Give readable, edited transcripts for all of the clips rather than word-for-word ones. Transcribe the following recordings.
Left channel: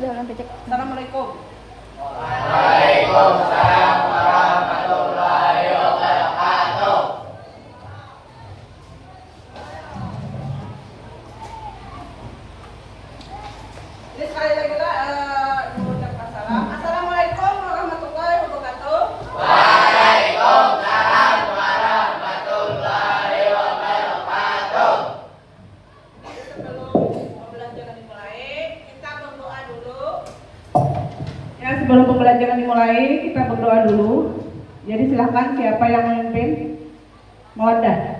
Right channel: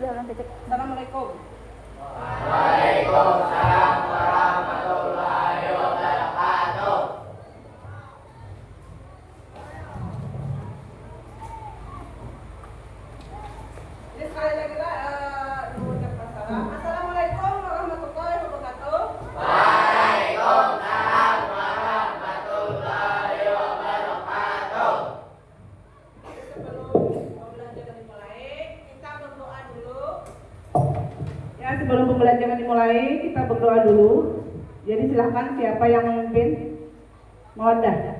Assalamualaikum. Waalaikumsalam warahmatullahi wabarakatuh. Jadi sekali lagi mengucapkan salam. Assalamualaikum warahmatullahi wabarakatuh. Waalaikumsalam warahmatullahi wabarakatuh. Sebelum pembelajaran dimulai, kita berdoa dulu. Ya, sebelum pembelajaran dimulai, kita berdoa dulu. Jadi silakan siapa yang memimpin? Muhammad.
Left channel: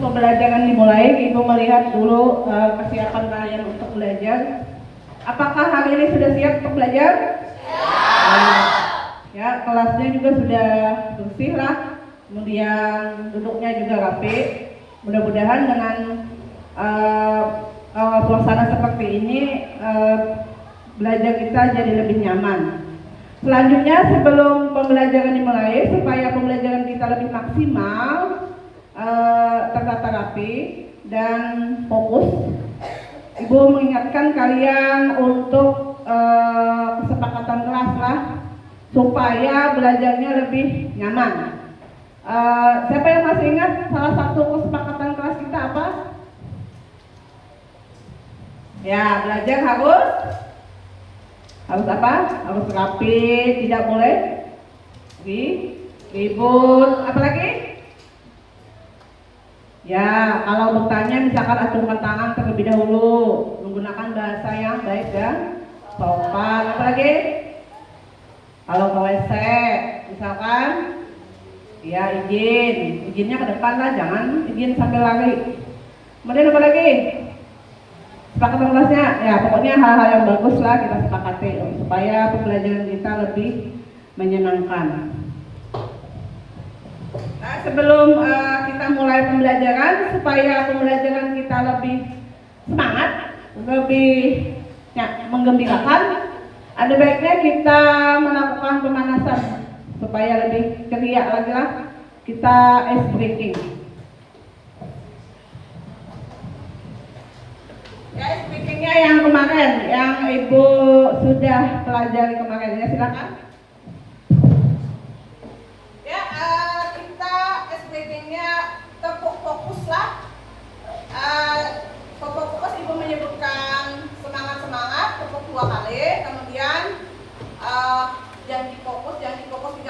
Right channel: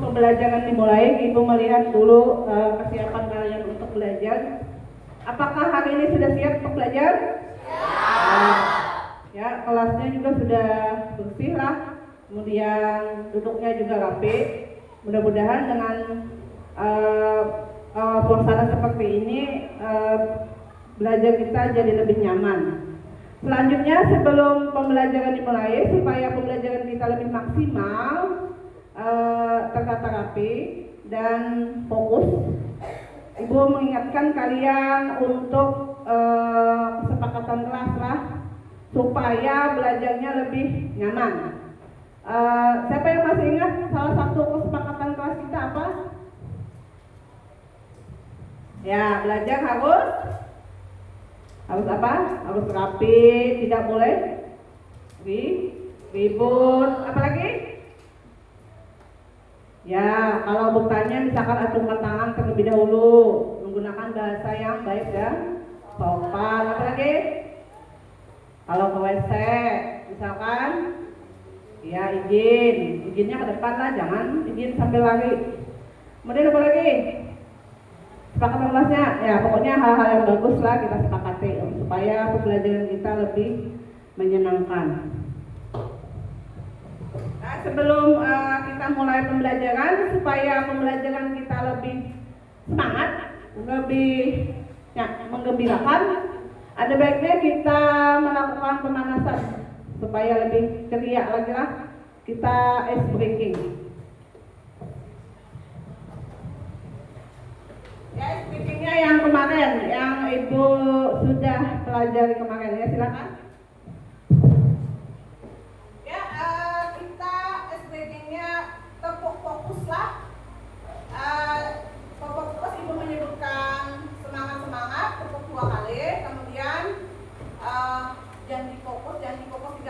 Pembelajaran dimulai, Ibu melihat dulu persiapan kalian untuk belajar. Apakah hari ini sudah siap untuk belajar? Ya, kelasnya juga sudah bersih lah. Kemudian duduknya juga rapi. Mudah-mudahan dengan suasana seperti ini belajar kita jadi lebih nyaman. Selanjutnya, sebelum pembelajaran dimulai, supaya pembelajaran kita lebih maksimal, tertata rapi dan fokus, Ibu mengingatkan kalian untuk kesepakatan kelas lah, supaya belajarnya lebih nyaman. Siapa yang masih ingat salah satu kesepakatan kelas kita apa? Ya, belajar harus apa? Harus rapi, tidak boleh ribut. Apalagi? Ya, kalau bertanya misalkan acungkan tangan terlebih dahulu, menggunakan bahasa yang baik dan sopan. Apalagi? Kalau ke WC, misalkan, ya izinnya ke depan lah, jangan izin sambil lari. Kemudian apa lagi? Sepakatan kelasnya, ya pokoknya hal-hal yang bagus lah kita sepakati supaya pembelajaran kita lebih menyenangkan. Nah, sebelum kita mulai pembelajaran, supaya pembelajaran kita lebih semangat, lebih menggembirakan, ada baiknya kita melakukan pemanasan supaya lebih ceria lagi lah. Kita ice breaking. Ya, ice breakingnya yang kemarin, yang Ibu sudah pelajari kemarin, ya silakan. Kita fokus lah. Fokus Ibu menyebutkan semangat tepuk 2 kali, kemudian yang difokus 3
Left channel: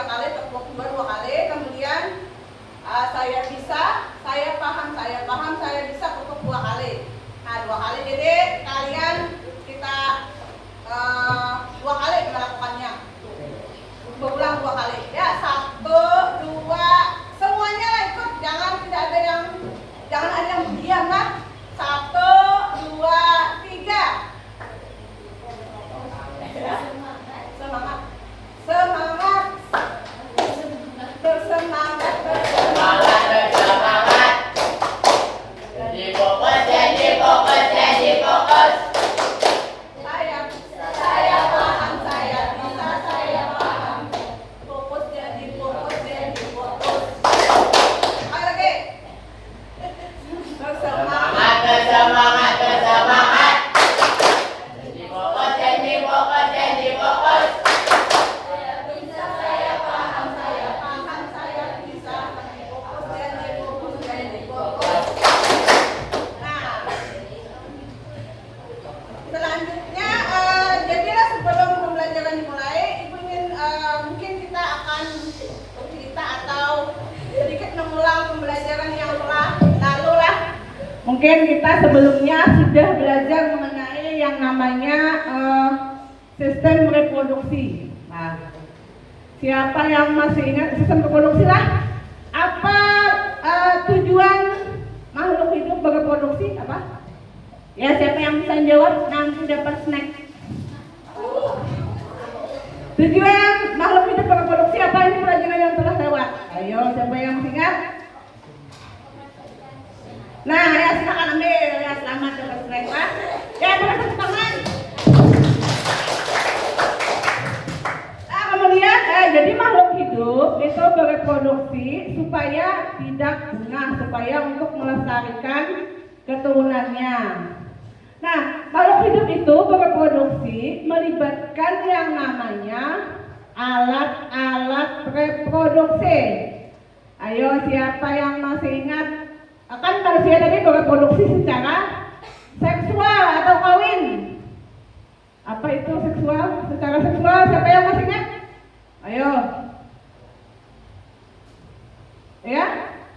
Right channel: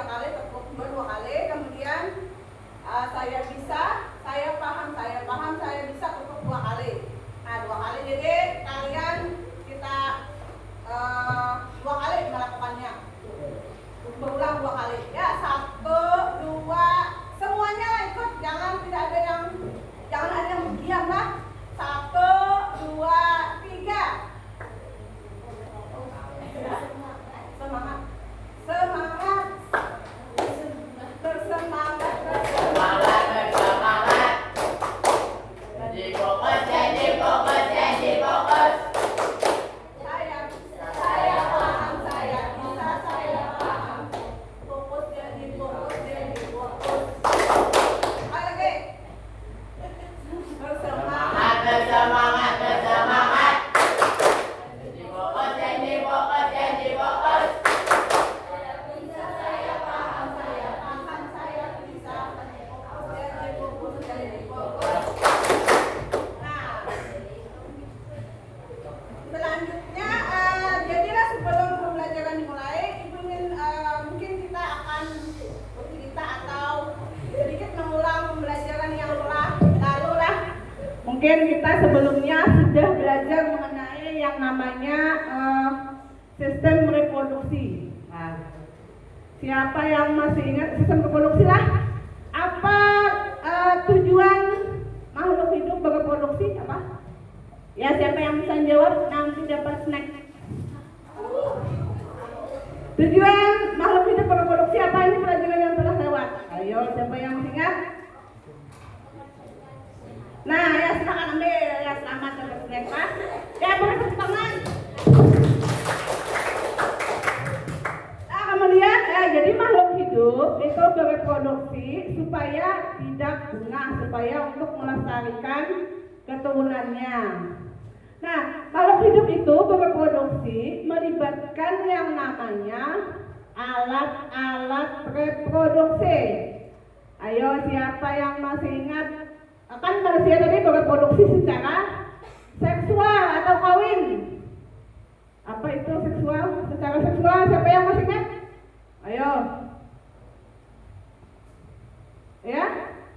kali, tepuk 2 kali, kemudian saya bisa, saya paham, saya bisa, tepuk 2 kali. Nah, 2 kali, jadi kalian kita 2 kali melakukannya. Berulang 2 kali. Ya, 1, 2, semuanya lah ikut, jangan ada yang diam lah. 1, 2, 3. Semangat. mungkin kita sebelumnya sudah belajar mengenai yang namanya sistem reproduksi. Nah, siapa yang masih ingat sistem reproduksi lah? Apa tujuan makhluk hidup bereproduksi? Apa? Ya, siapa yang bisa jawab nanti dapat snack. Tujuan makhluk hidup bereproduksi apa? Ini pelajaran yang telah lewat. Ayo, siapa yang masih ingat? Nah, ya silakan ambil. Ya, selamat dapat snack, Pak. Ya, bertepuk tangan. Kemudian, jadi makhluk hidup itu bereproduksi supaya tidak punah, supaya untuk melestarikan keturunannya. Nah, makhluk hidup itu bereproduksi melibatkan yang namanya alat-alat reproduksi. Ayo, siapa yang masih ingat? Akan manusia tadi bereproduksi secara seksual atau kawin. Apa itu seksual? Secara seksual, siapa yang masih ingat? Ayo. Ya,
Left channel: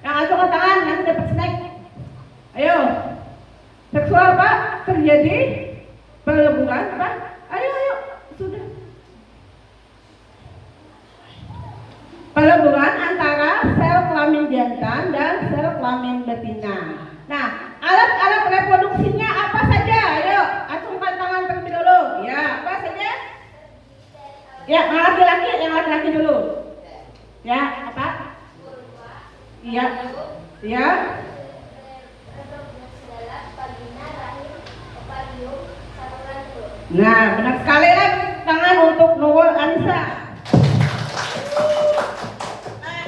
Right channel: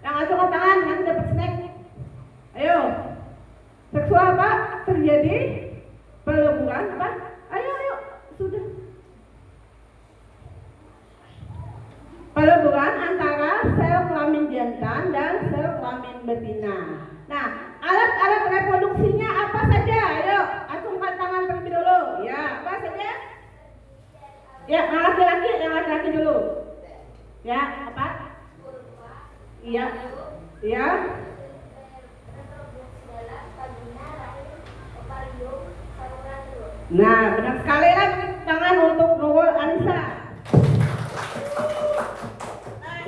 yang angkat tangan nanti dapat snack. Ayo. Seksual apa? Terjadi peleburan apa? Ayo, sudah. Peleburan antara sel kelamin jantan dan sel kelamin betina. Nah, alat-alat reproduksinya apa saja? Ayo, acungkan tangan terlebih dulu. Ya, apa saja? Ya, yang laki-laki dulu. Ya, apa? Iya. Ya. Nah, benar sekali lah tangan untuk Nurul Anissa.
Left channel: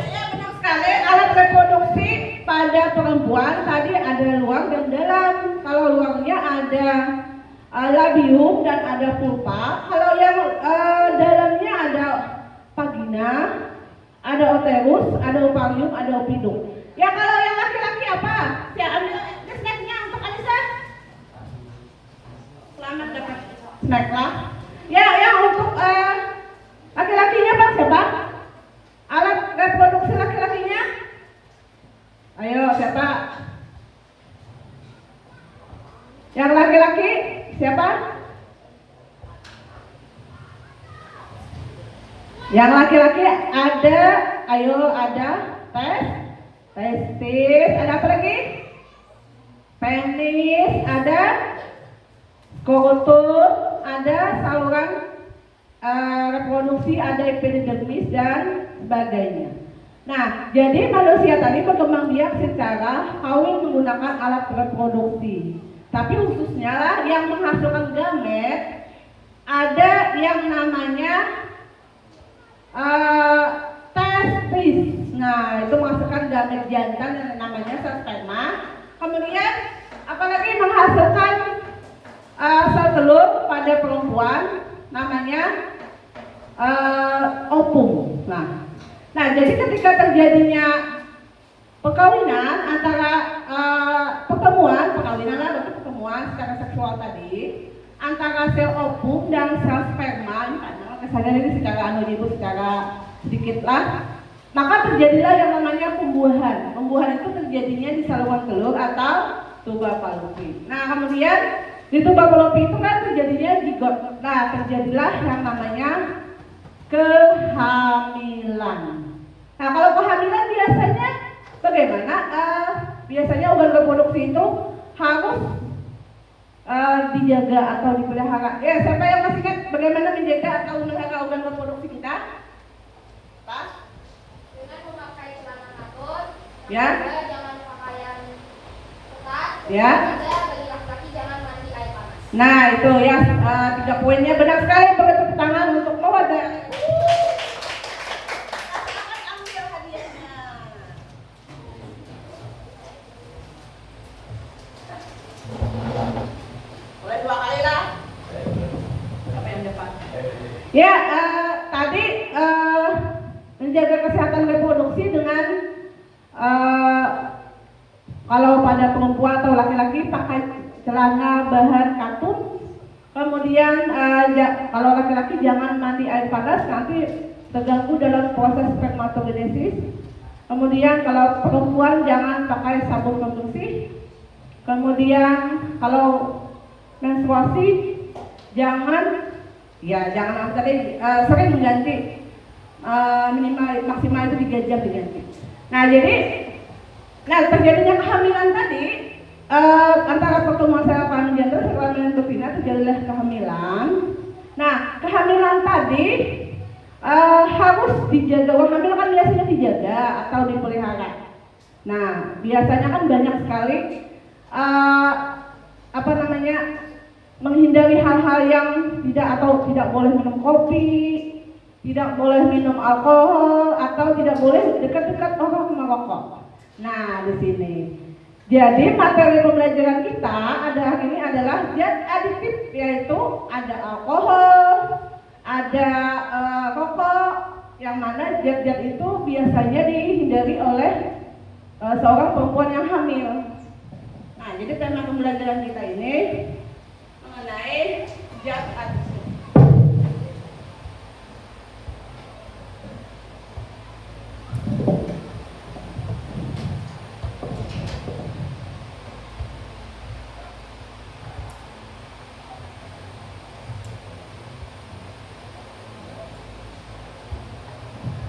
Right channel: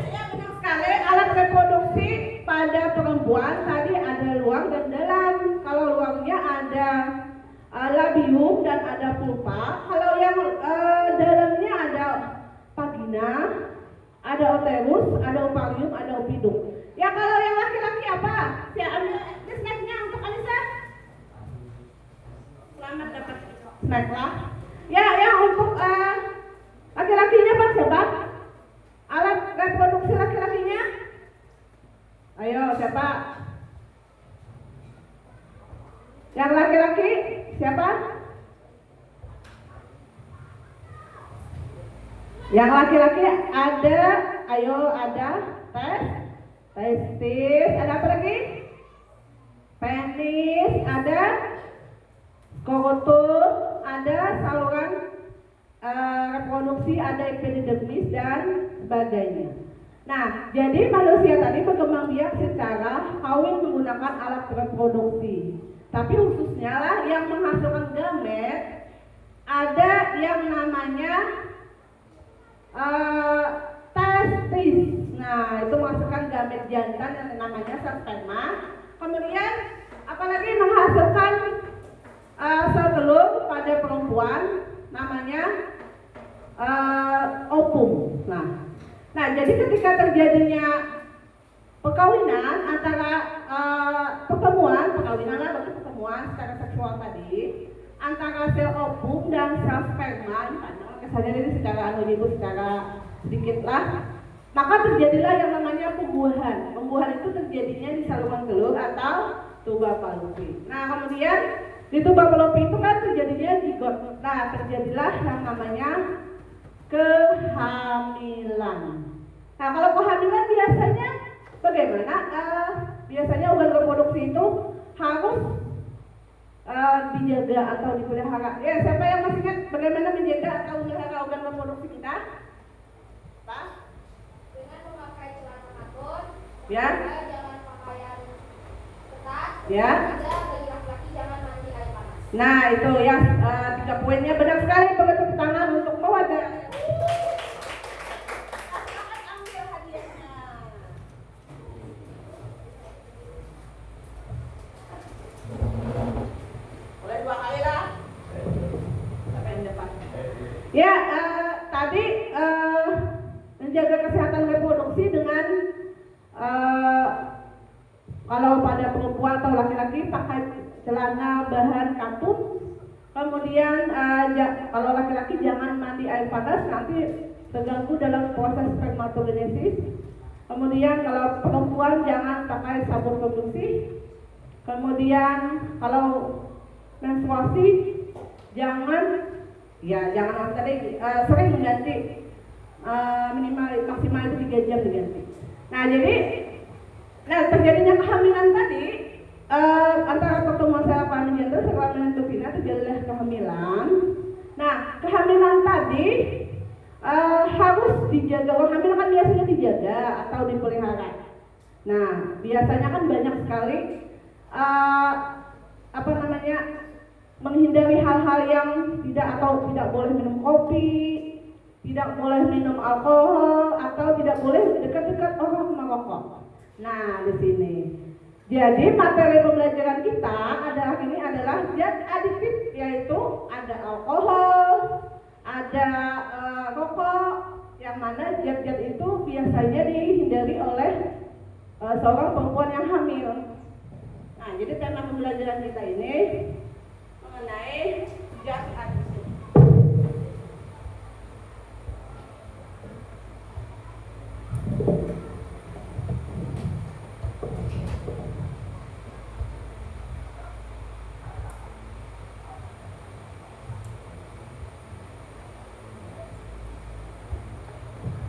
Ya, benar sekali. Alat reproduksi pada perempuan tadi ada luar dan dalam. Kalau luarnya ada labium dan ada pulpa. Kalau yang dalamnya ada vagina, ada uterus, ada ovarium, ada opidum. Ya, kalau yang laki-laki apa? Ya, ambil snacknya untuk Anissa. Selamat dapat snack lah. Ya, yang untuk laki-lakinya Pak siapa? Alat reproduksi laki-lakinya? Ayo, siapa? Yang laki-laki siapa? Yang laki-laki ada, ayo ada testis, ada apa lagi? Penis, ada skrotum, ada saluran reproduksi, ada epidermis dan sebagainya. Nah, jadi manusia tadi berkembang biak secara kawin menggunakan alat reproduksi. Tapi khususnya lah yang menghasilkan gamet ada yang namanya testis. Nah, itu menghasilkan gamet jantan yang namanya sperma. Kemudian apalagi menghasilkan sel telur pada perempuan namanya ovum. Nah, jadi ketika terjadinya perkawinan antara pertemuan secara seksual tadi antara sel ovum dan sel sperma, misalnya ini secara anonim, secara sedikit lah, maka terjadilah yang namanya pembuahan. Pembuahan itu terjadinya di saluran telur atau tuba Fallopi. Nah, kemudian di tuba Fallopi itu kan terjadinya zigot. Nah, terjadilah yang namanya kehamilan. Nah, kalau kehamilan biasanya bagaimana? Biasanya organ reproduksi itu harus dijaga atau dipelihara. Ya, siapa yang masih ingat bagaimana menjaga atau memelihara organ reproduksi kita? Pak? Dengan memakai celana katun. Ya. Jangan pakaian ketat. Ya. Bagi laki-laki jangan mandi air panas. Nah, itu ya 3 poinnya benar sekali. Bertepuk tangan untuk Mawada. Ya, tadi menjaga kesehatan reproduksi dengan kalau pada perempuan atau laki-laki pakai celana bahan katun. Kemudian kalau laki-laki jangan mandi air panas, nanti terganggu dalam proses spermatogenesis. Kemudian kalau perempuan jangan pakai sabun pembersih. Kemudian kalau menstruasi jangan apa tadi sering mengganti, minimal maksimal itu 3 jam diganti. Nah terjadinya kehamilan tadi antara pertemuan sel kelamin jantung dan kelamin betina terjadilah kehamilan. Nah kehamilan tadi harus dijaga. Orang hamil kan biasanya dijaga atau dipelihara. Nah biasanya kan banyak sekali menghindari hal-hal yang tidak boleh minum kopi, tidak boleh minum alkohol, atau tidak boleh dekat-dekat orang merokok. Nah di sini. Jadi materi pembelajaran kita ini adalah zat adiktif, yaitu ada alkohol, ada rokok, yang mana zat-zat itu biasanya dihindari oleh seorang perempuan yang hamil. Nah, jadi tema pembelajaran kita ini mengenai zat adiktif.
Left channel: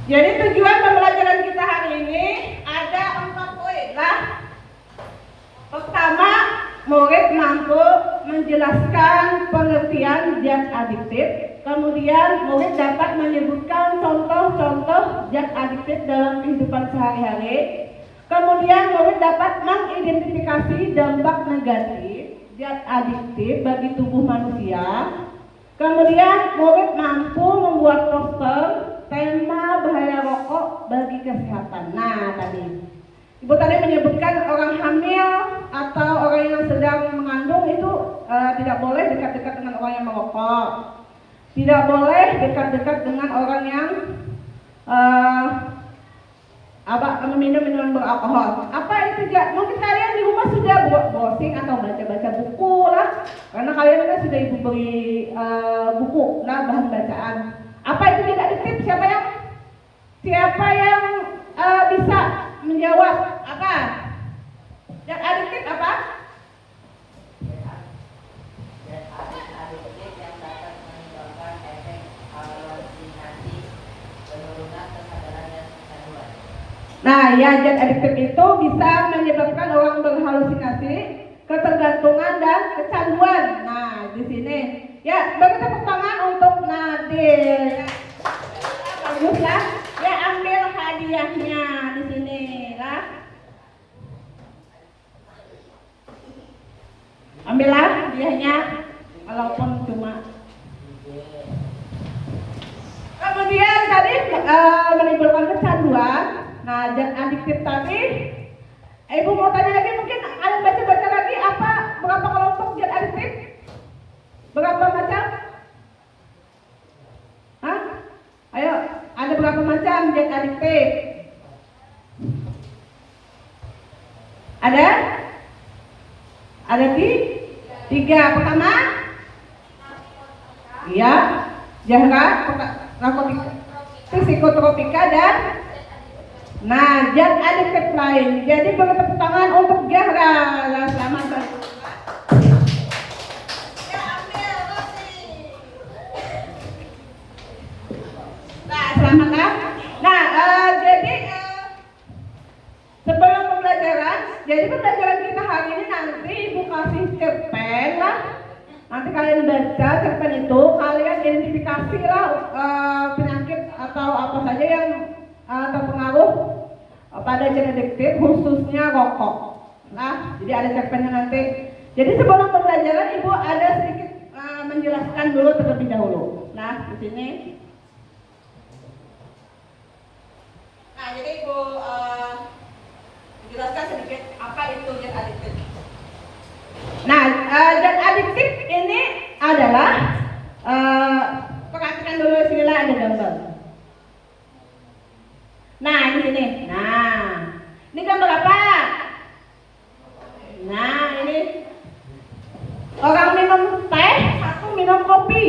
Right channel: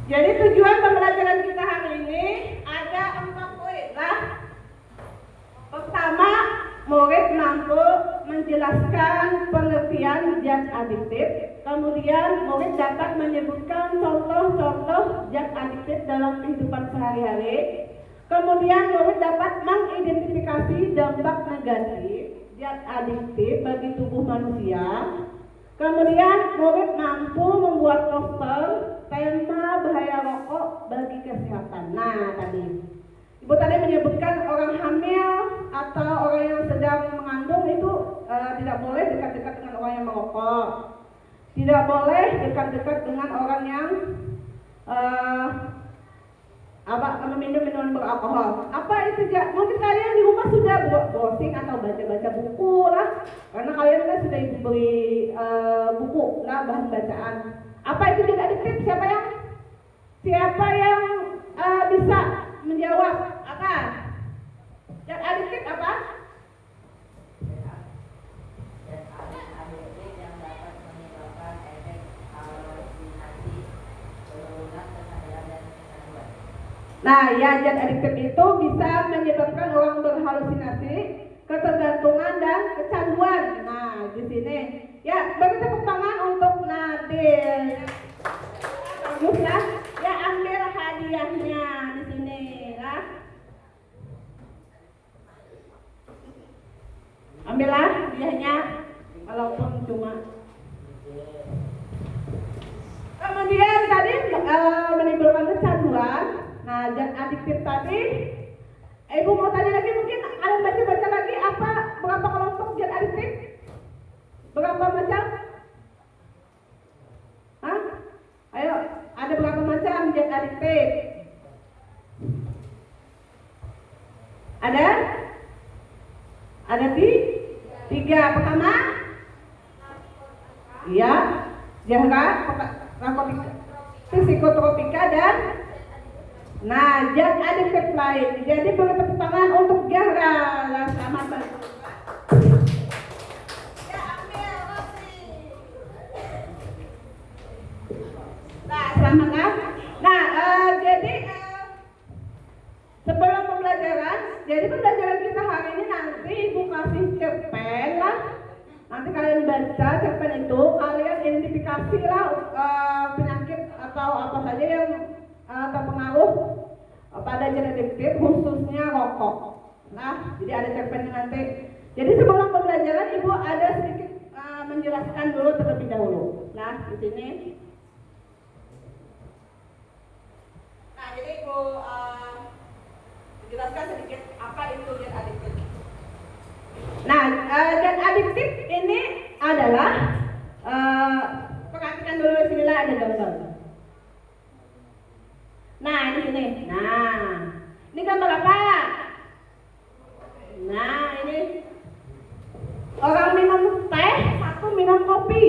Jadi tujuan pembelajaran kita hari ini ada 4 poin lah. Pertama, murid mampu menjelaskan pengertian zat adiktif. Kemudian murid dapat menyebutkan contoh-contoh zat adiktif dalam kehidupan sehari-hari. Kemudian murid dapat mengidentifikasi dampak negatif zat adiktif bagi tubuh manusia. Kemudian murid mampu membuat poster tema bahaya rokok bagi kesehatan. Nah tadi Ibu tadi menyebutkan orang hamil atau orang yang sedang mengandung itu tidak boleh dekat-dekat dengan orang yang merokok, tidak boleh dekat-dekat dengan orang yang meminum minuman beralkohol. Apa itu? Mungkin kalian di rumah sudah browsing atau baca-baca buku lah, karena kalian kan sudah ibu beli buku lah, bahan bacaan. Apa itu zat adiktif? Siapa yang bisa menjawab? Apa zat adiktif? Apa? Zat adiktif yang dapat menyebabkan efek halusinasi, penurunan kesadaran dan kecanduan. Nah, ya, zat adiktif itu bisa menyebabkan orang berhalusinasi, ketergantungan dan kecanduan. Nah, di sini ya, beri tepuk tangan untuk Nadir. Bagus ya. Ya, ambil hadiahnya di sini lah. Ambillah hadiahnya, walaupun cuma. Kemudian tadi menimbulkan kecanduan. Nah, zat adiktif tadi, Ibu mau tanya lagi, mungkin ada baca-baca lagi apa berapa kelompok zat adiktif? Berapa macam? Hah? Ayo, ada berapa macam zat adiktif? Ada? Ada 3. Pertama? Iya, Zahra, narkotika, psikotropika dan zat adiktif lain. Jadi beri tepuk tangan untuk Zahra. Selamat. Selamat kan? Jadi sebelum pembelajaran, pembelajaran kita hari ini nanti Ibu kasih cerpen lah. Nanti kalian baca cerpen itu, kalian identifikasi lah penyakit atau apa saja yang terpengaruh pada zat adiktif, khususnya rokok. Nah, jadi ada cerpennya nanti. Jadi sebelum pembelajaran Ibu ada sedikit menjelaskan dulu terlebih dahulu. Nah, di sini. Nah, jadi Ibu menjelaskan sedikit apa itu zat adiktif. Nah, zat adiktif ini adalah perhatikan dulu, sinilah ada gambar. Nah, di sini. Nah, ini gambar apa? Nah, ini orang minum teh, satu minum kopi.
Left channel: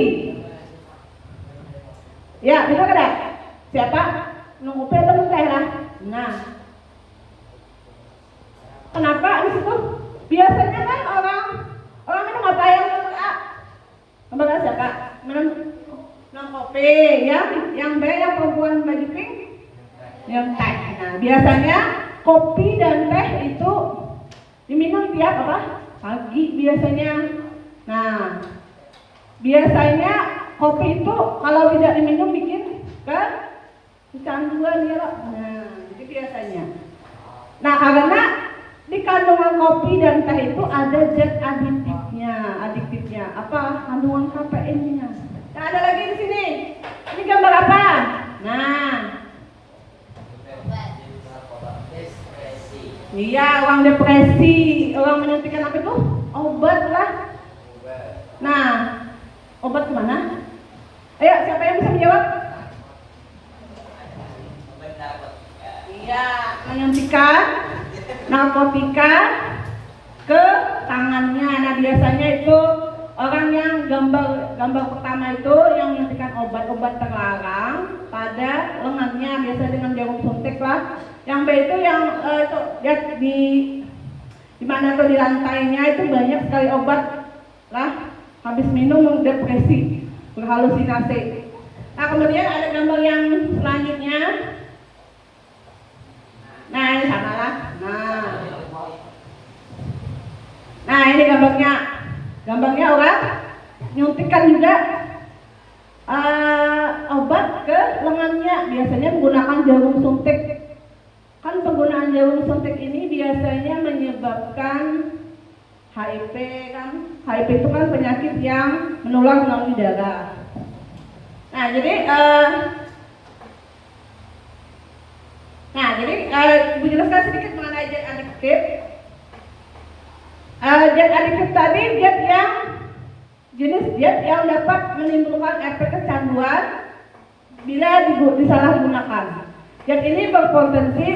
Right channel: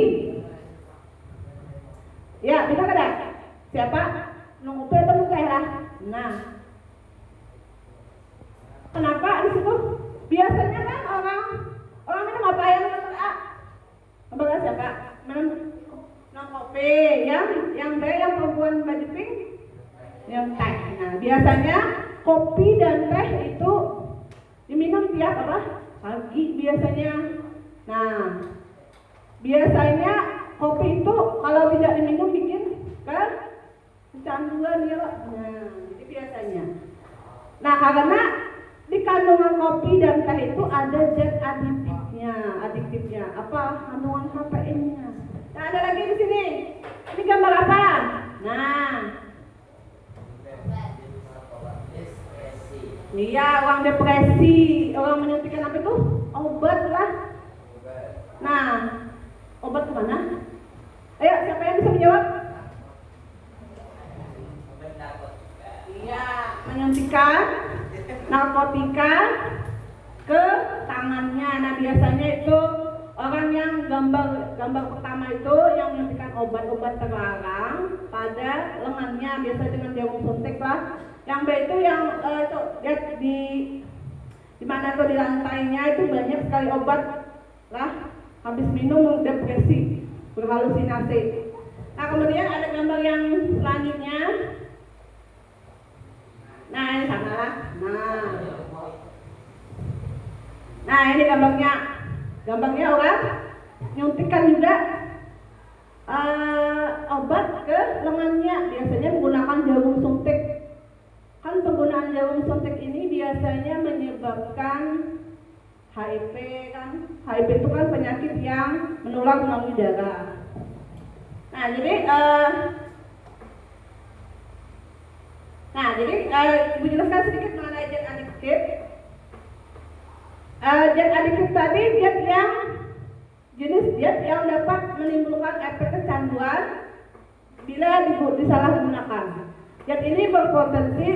Ya, betul kan? Siapa? Minum kopi atau minum teh lah. Nah, kenapa di situ? Biasanya kan orang minum apa yang nomor A? Nomor A siapa? Minum kopi, yang B yang perempuan baju pink, yang teh. Nah, biasanya kopi dan teh itu diminum tiap apa? Pagi biasanya. Nah, biasanya kopi itu kalau tidak diminum bikin kecanduan ya loh. Nah, itu biasanya. Nah, karena di kandungan kopi dan teh itu ada zat adiktifnya. Apa? Kandungan kafeinnya. Nah, ada lagi di sini. Ini gambar apa? Nah, iya, orang depresi, orang menyuntikkan apa itu? Obat lah. Nah, obat kemana? Ayo, siapa yang bisa menjawab? Iya, menyuntikkan narkotika ke tangannya. Nah, biasanya itu orang yang gambar pertama itu yang menyuntikkan obat-obat terlarang pada lengannya, biasa dengan jarum suntik lah. Yang B itu yang itu lihat di mana tuh di lantainya itu banyak sekali obat lah. Habis minum depresi, berhalusinasi. Nah, kemudian ada gambar yang selanjutnya. Nah, ini sama lah. Nah, ini gambarnya orang nyuntikkan juga obat ke lengannya, biasanya menggunakan jarum suntik. Kan penggunaan jarum suntik ini biasanya menyebabkan HIV kan. HIV itu kan penyakit yang menular melalui darah. Nah, jadi Ibu jelaskan sedikit mengenai zat adiktif. Zat adiktif tadi jenis zat yang dapat menimbulkan efek kecanduan bila disalahgunakan. Zat ini berpotensi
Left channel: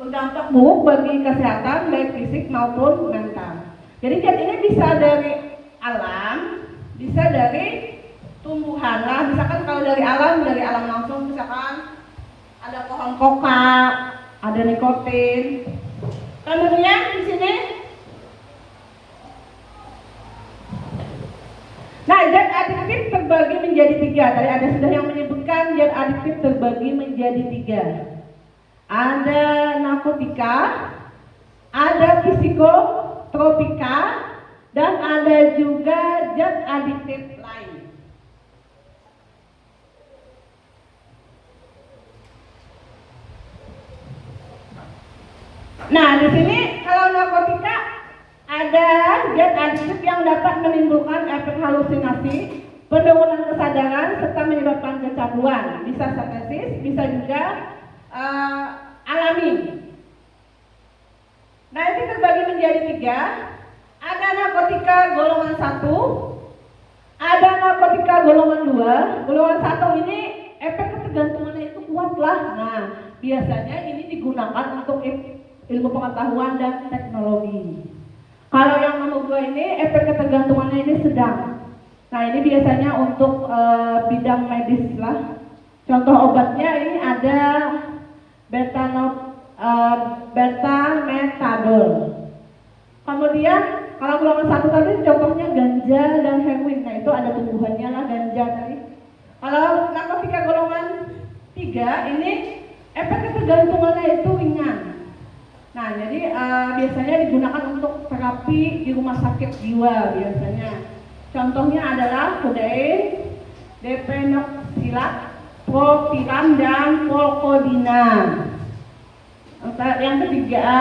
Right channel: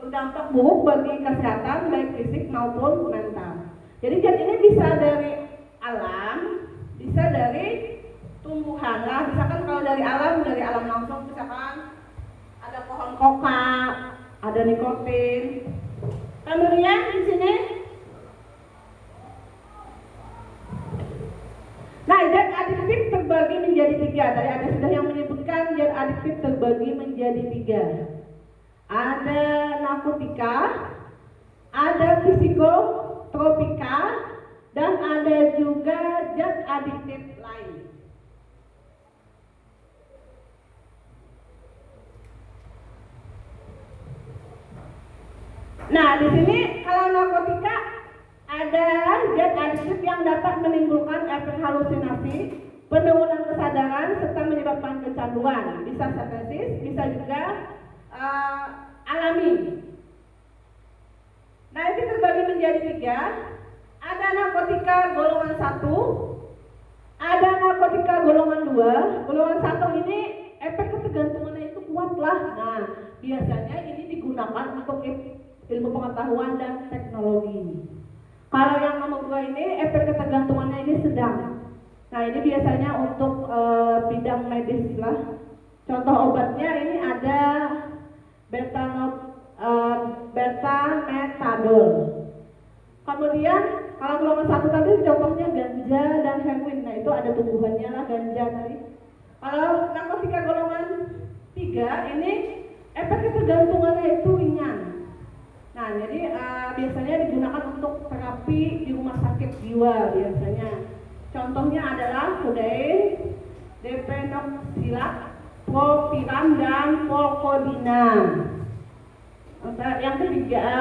berdampak buruk bagi kesehatan baik fisik maupun mental. Jadi zat ini bisa dari alam, bisa dari tumbuhan. Nah, misalkan kalau dari alam langsung, misalkan ada pohon koka, ada nikotin. Kemudian di sini, nah, zat adiktif terbagi menjadi 3. Tadi ada sudah yang menyebutkan zat adiktif terbagi menjadi 3. Ada narkotika, ada psikotropika, dan ada juga zat adiktif lain. Nah, di sini kalau narkotika ada zat adiktif yang dapat menimbulkan efek halusinasi, penurunan kesadaran, serta menyebabkan kecanduan. Bisa sintetis, bisa juga alami. Nah, ini terbagi menjadi 3. Ada narkotika golongan 1, ada narkotika golongan 2. Golongan 1 ini efek ketergantungannya itu kuat lah. Nah, biasanya ini digunakan untuk ilmu pengetahuan dan teknologi. Kalau yang nomor 2 ini efek ketergantungannya ini sedang. Nah, ini biasanya untuk bidang medis lah. Contoh obatnya ini ada beta-metadol. Kemudian kalau golongan 1 tadi contohnya ganja dan heroin. Nah, itu ada tumbuhannya lah ganja tadi. Kalau narkotika golongan 3 ini efek ketergantungannya itu ringan. Nah, jadi biasanya digunakan untuk terapi di rumah sakit jiwa biasanya. Contohnya adalah kodein, depenoxilat, propiram, dan polkodina. Yang ketiga,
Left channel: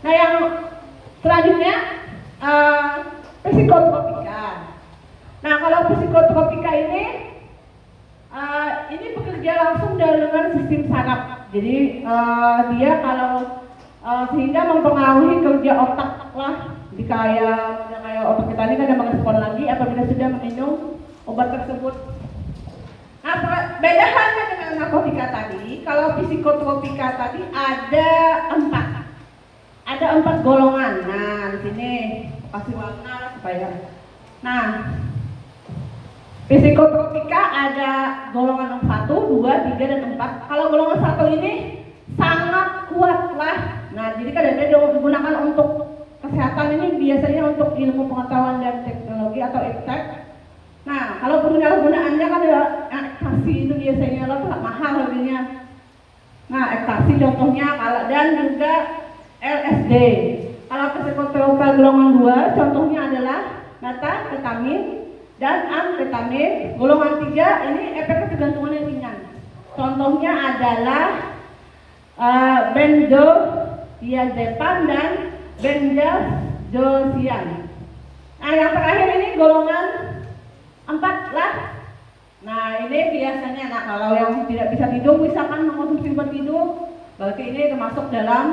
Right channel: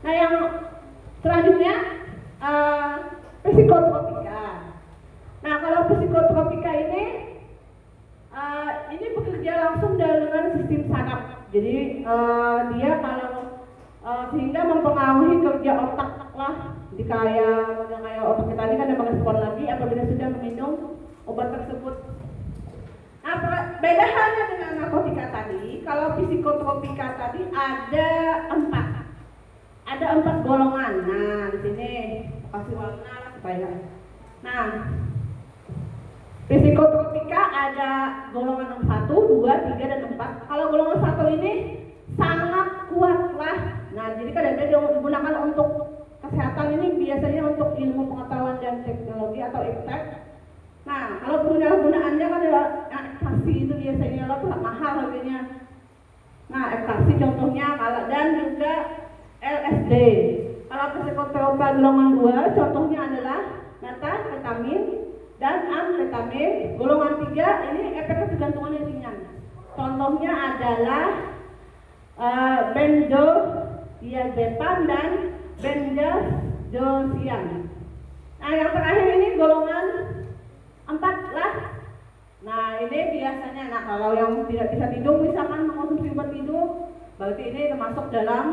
nah yang selanjutnya psikotropika. Nah, kalau psikotropika ini bekerja langsung dengan sistem saraf. Jadi dia kalau sehingga mempengaruhi kerja otak lah. Jadi kayak otak kita ini kan ada merespon lagi apabila sudah meminum obat tersebut. Nah, beda halnya dengan narkotika tadi. Kalau psikotropika tadi ada 4 golongan. Nah, di sini kasih warna supaya. Nah, psikotropika ada golongan 1, 2, 3, dan 4. Kalau golongan 1 ini sangat kuat lah. Nah, jadi kadang-kadang Ibu biasanya untuk ilmu pengetahuan dan teknologi atau iptek. Nah, kalau penyalahgunaannya kan ya ekstasi itu biasanya lo mahal harganya. Nah, ekstasi contohnya kalau dan juga LSD. Kalau psikotropal golongan 2 contohnya adalah metafetamin dan amfetamin. Golongan 3 ini efek ketergantungan yang ringan. Contohnya adalah benzodiazepam dan benzodiazepiam. Nah, yang terakhir ini golongan 4 lah. Nah, ini biasanya, nah kalau yang tidak bisa tidur misalkan mengkonsumsi obat tidur, berarti ini termasuk dalam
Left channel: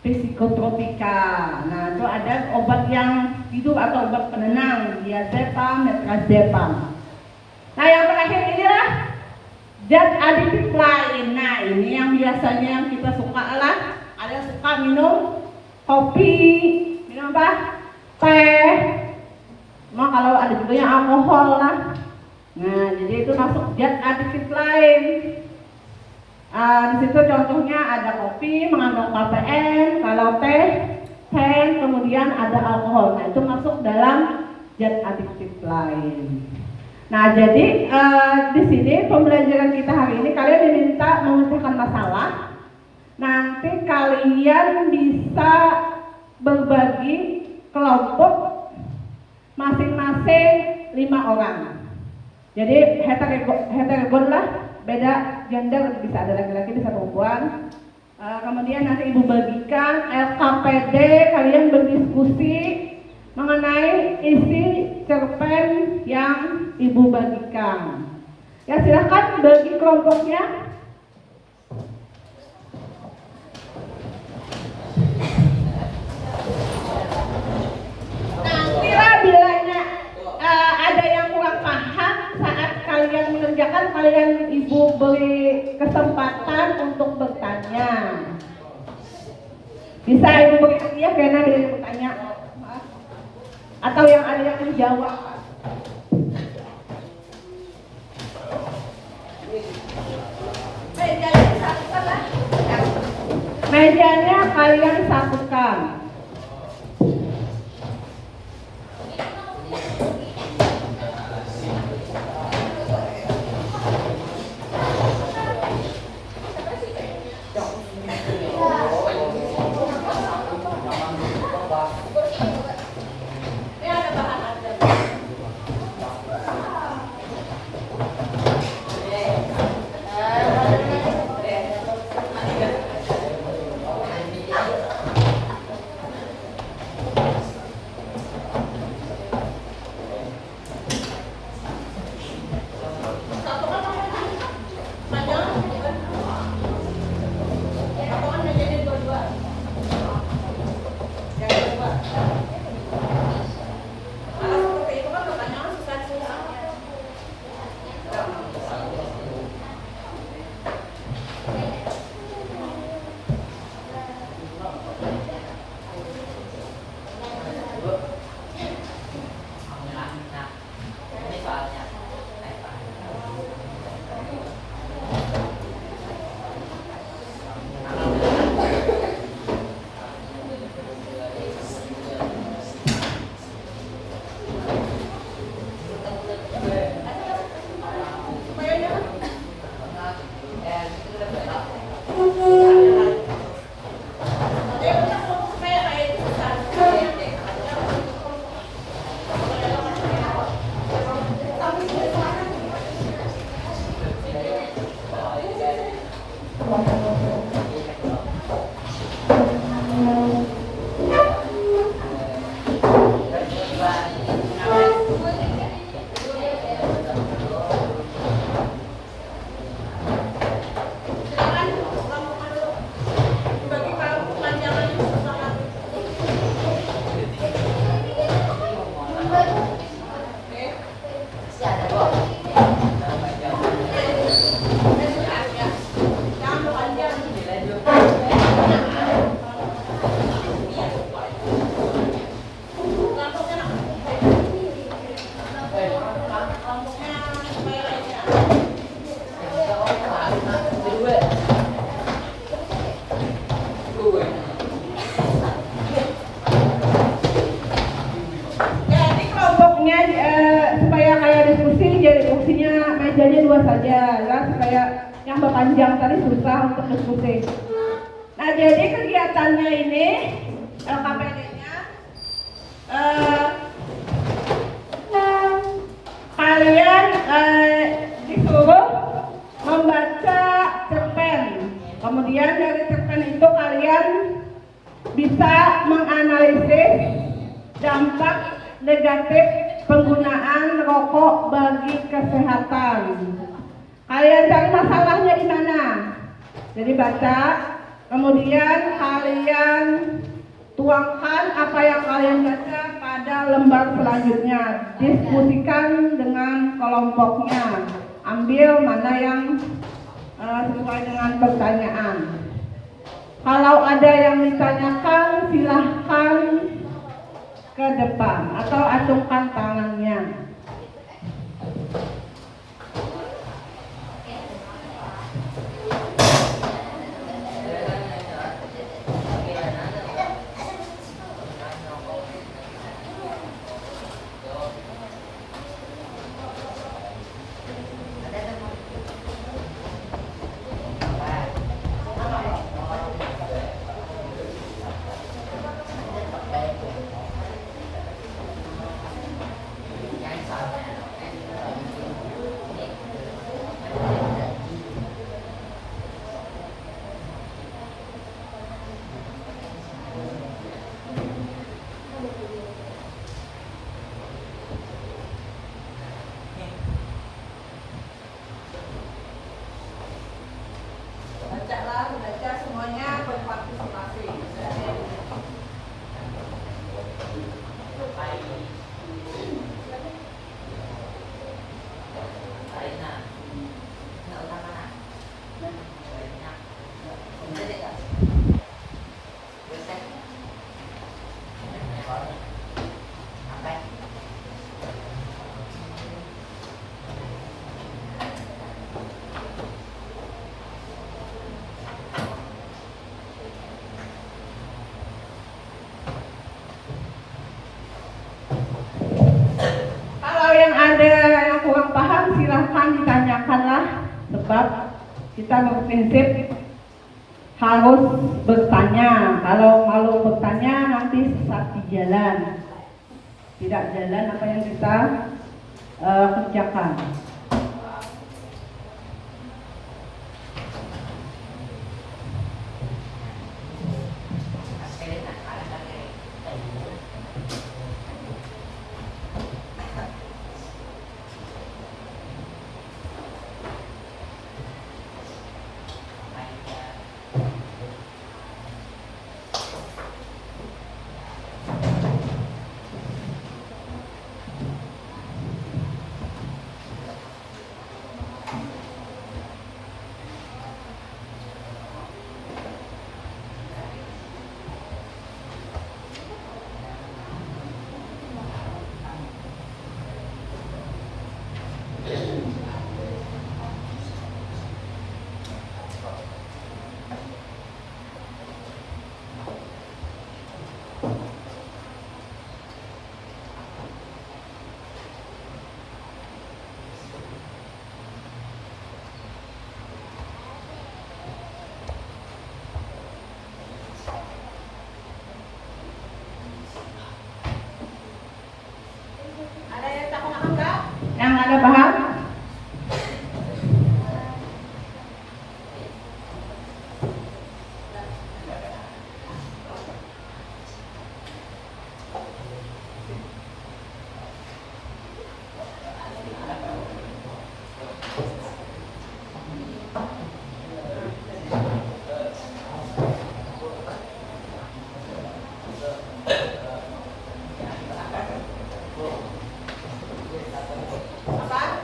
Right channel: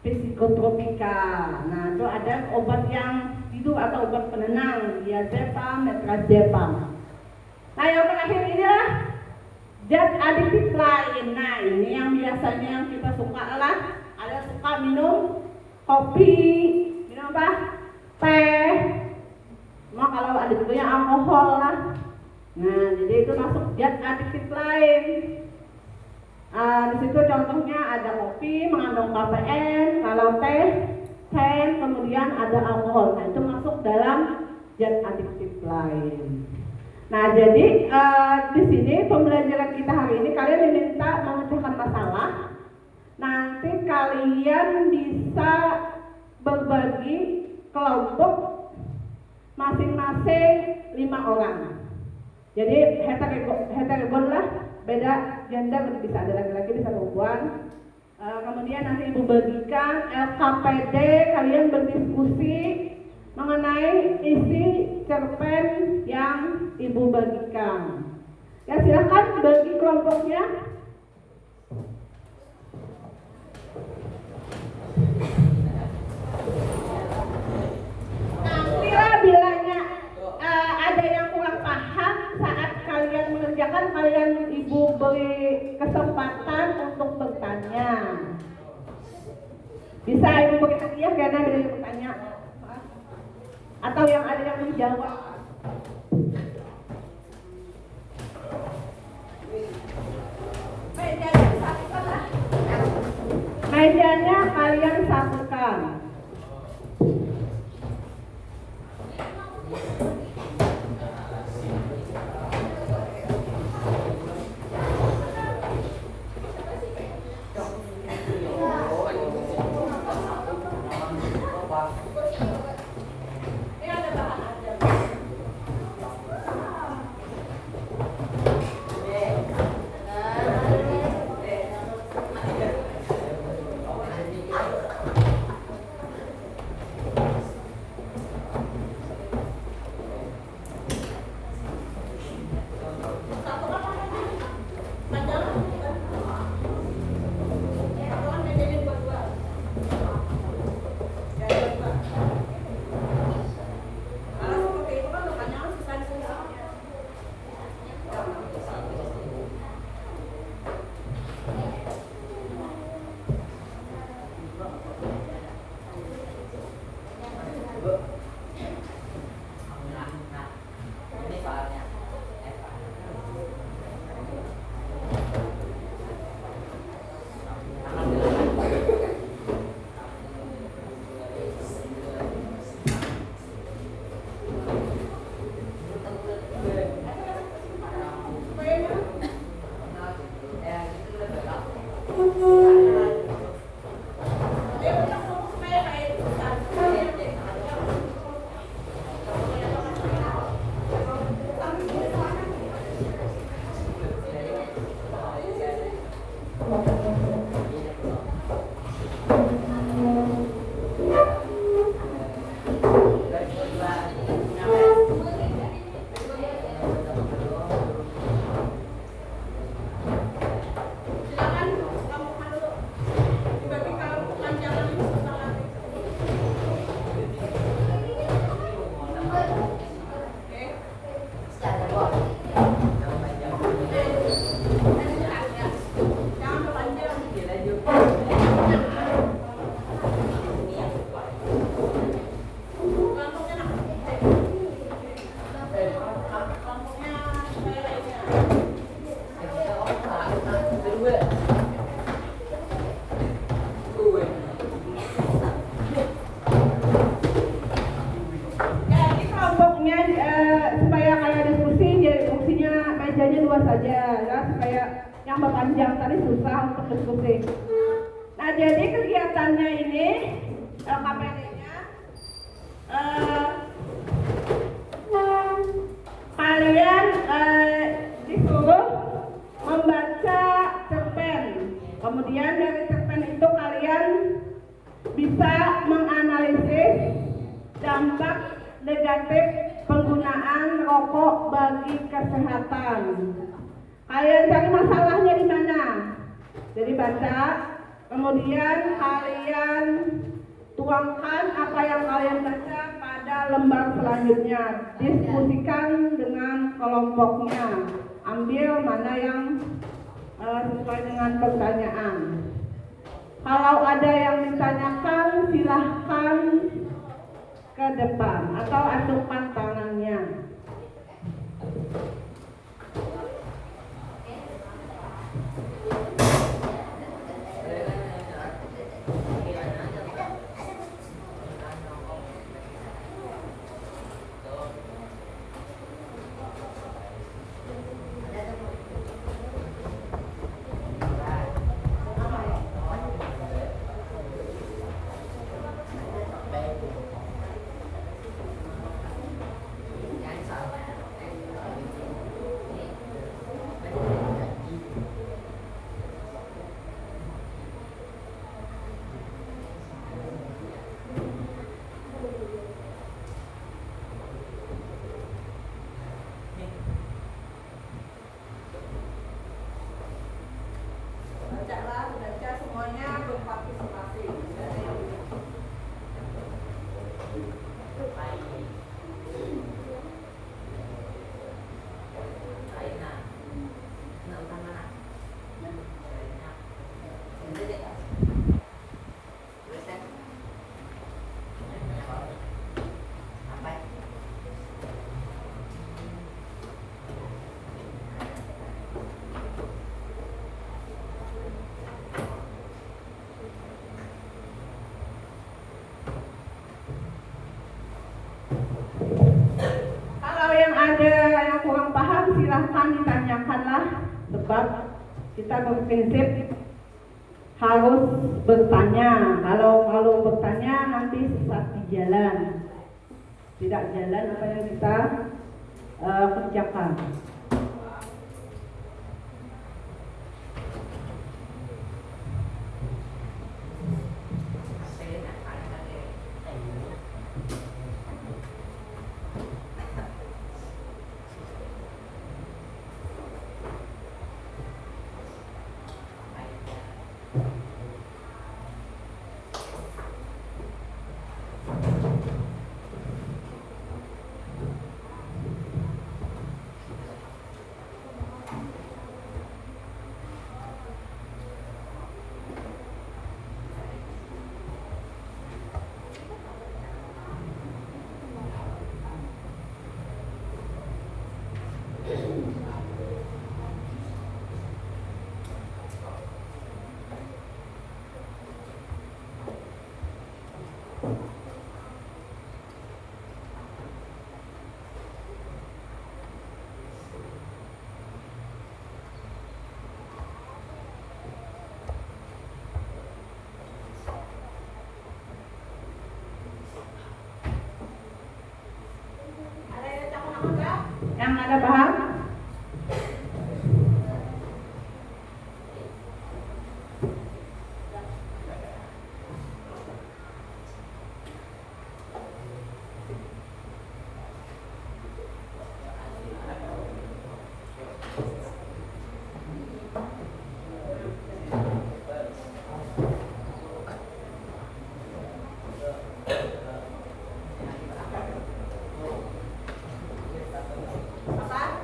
psikotropika. Nah, itu ada obat yang tidur atau obat penenang, diazepam, metrazepam. Nah, yang terakhir inilah zat adiktif lain. Nah, ini yang biasanya yang kita suka lah, ada yang suka minum kopi, minum apa? Teh. Nah, kalau ada juga yang alkohol lah. Nah, jadi itu masuk zat adiktif lain. Di situ contohnya ada kopi mengandung kafein, kalau teh, kemudian ada alkohol. Nah, itu masuk dalam zat adiktif lain. Nah, jadi di sini pembelajaran kita hari ini kalian diminta memecahkan masalah. Nanti kalian bisa berbagi kelompok masing-masing 5 orang. Jadi heterogen lah, beda gender, bisa ada laki-laki bisa perempuan. Kemudian nanti ibu bagikan LKPD, kalian berdiskusi mengenai isi cerpen yang ibu bagikan. Ya, silakan bagi kelompoknya. Nantilah bilanya ada yang kurang paham saat kalian mengerjakan, kalian ibu beri kesempatan untuk bertanya. Bisa ibu beri hadiah karena ada yang bertanya atau yang ada yang menjawab. Mejanya satukan lah. Mejanya kalian satukan. mejanya 2 saja ya, supaya yang berpanjang tadi susah untuk diskusi. Nah, jadi kegiatannya ini KPD-nya kalian disuruh membaca cerpen. Kemudian dari cerpen itu kalian bisa menganalisis dampak negatif penggunaan rokok bagi kesehatan. Kalian cari masalahnya di mana? Jadi baca, kemudian kalian tuangkan apa yang kalian baca pada lembar selanjutnya. Diskusikan dengan kelompoknya. Ambil mana yang sesuai dengan pertanyaan. Kalau ada yang ditanyakan, silahkan ke depan atau acungkan tangannya. Baca semuanya berpartisipasi. Kalau yang ada yang kurang paham, silahkan ditanyakanlah, sebab kita berprinsip harus bertanya. Kalau malu bertanya nanti sesat di jalan, tidak jalan apa yang kita kerjakan. Ada yang tak paham enggak? Yang ada paham? Apa?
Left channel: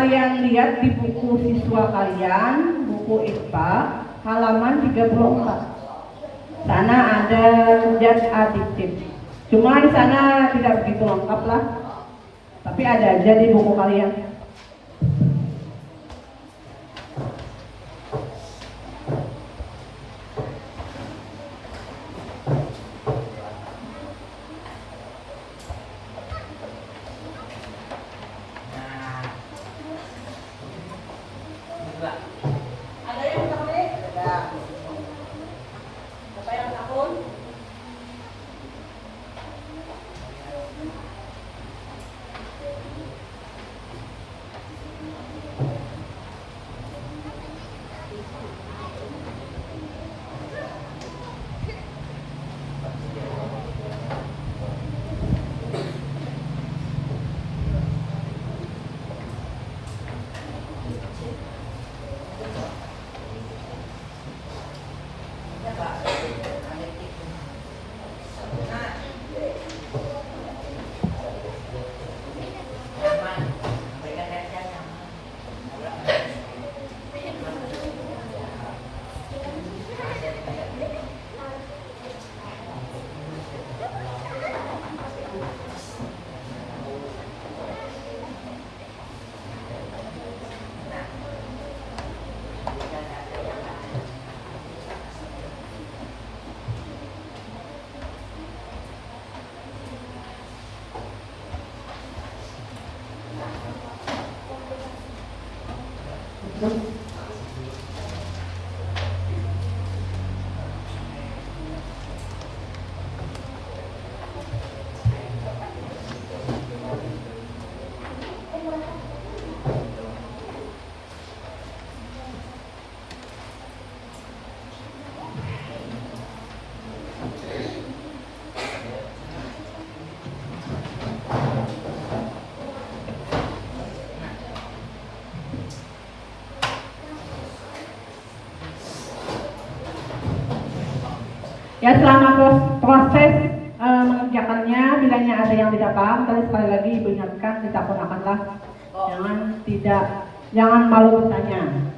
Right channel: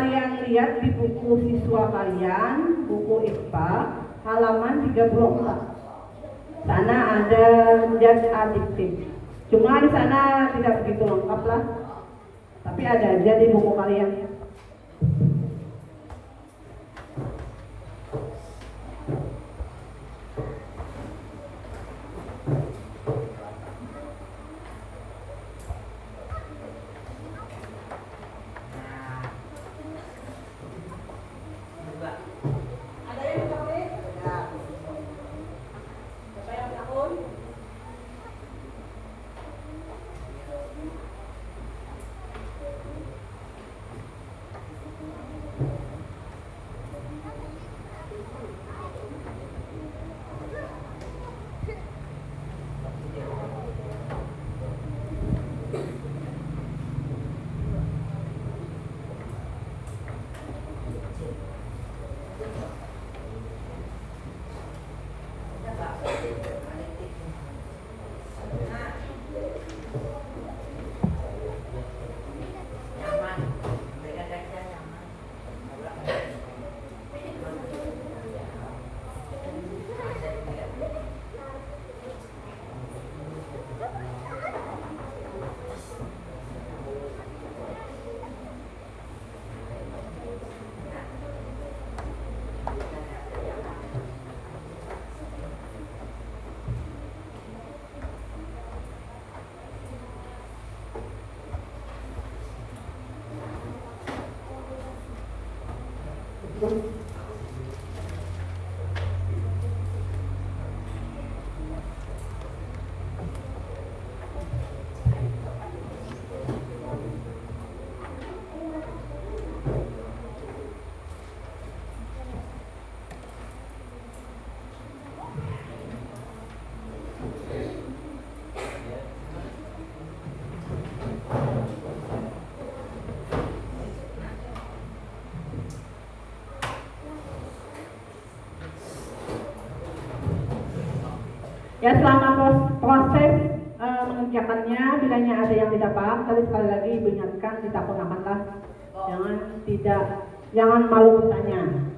kalian lihat di buku siswa kalian, buku IPA, halaman 34. Sana ada zat adiktif. Cuma di sana tidak begitu lengkap lah. Tapi ada aja di buku kalian. Ada yang takut? Ada. Apa yang takut? Ya, selama proses mengerjakannya, bilanya ada yang tidak paham, tadi sekali lagi Ibu ingatkan, tidak gunakanlah, jangan malu bertanya.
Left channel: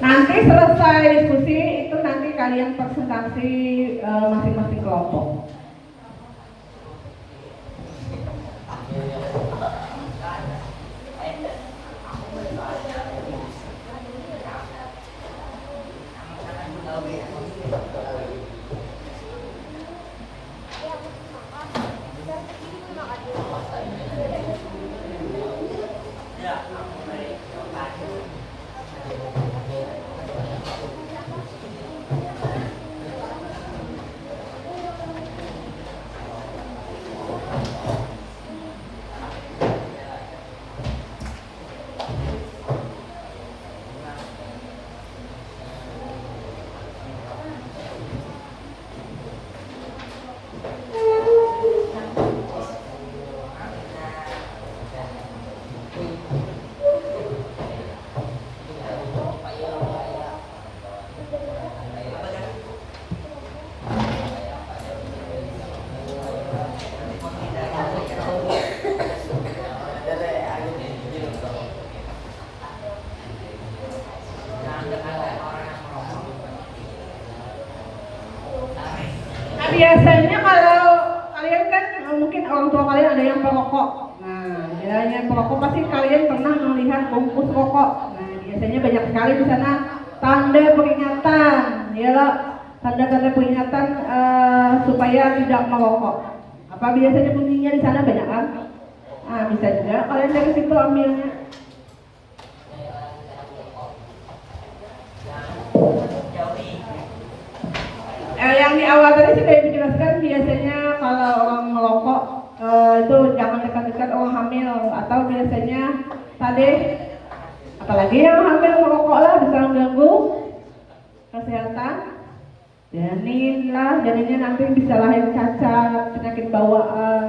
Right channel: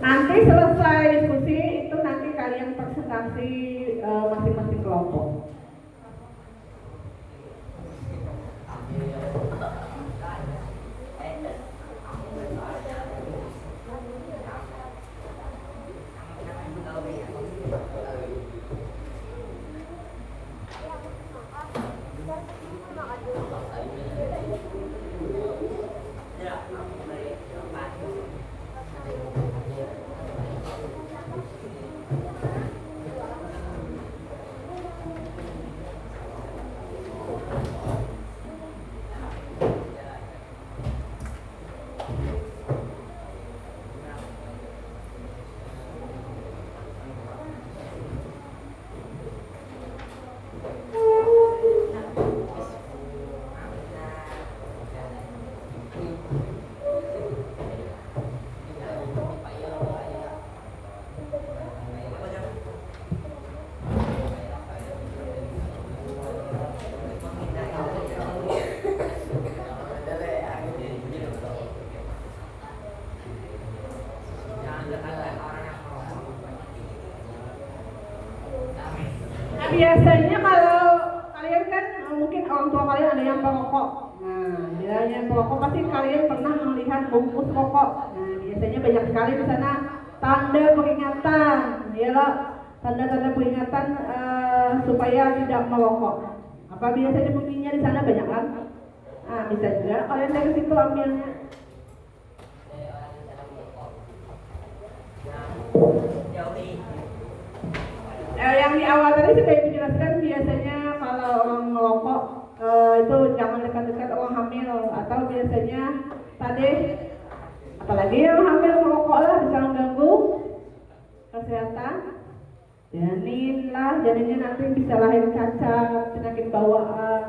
Nanti selesai diskusi itu nanti kalian presentasi masing-masing kelompok. Biasanya kalau kalian kan mungkin orang tua kalian ada yang perokok. Nah, yang perokok pasti kalian pernah melihat bungkus rokok. Nah, biasanya banyak sekali di sana tanda peringatan, ya, tanda-tanda peringatan supaya tidak merokok. Apa biasanya bunyinya di sana banyak kan? Nah, bisa juga kalian dari situ ambilnya. Yang di awal tadi sudah dijelaskan, biasanya kalau orang merokok itu jangan dekat-dekat orang hamil, atau biasanya tadi apalagi yang hamil merokok lah bisa mengganggu kesehatan janinnya nanti bisa lahir cacat, penyakit bawaan.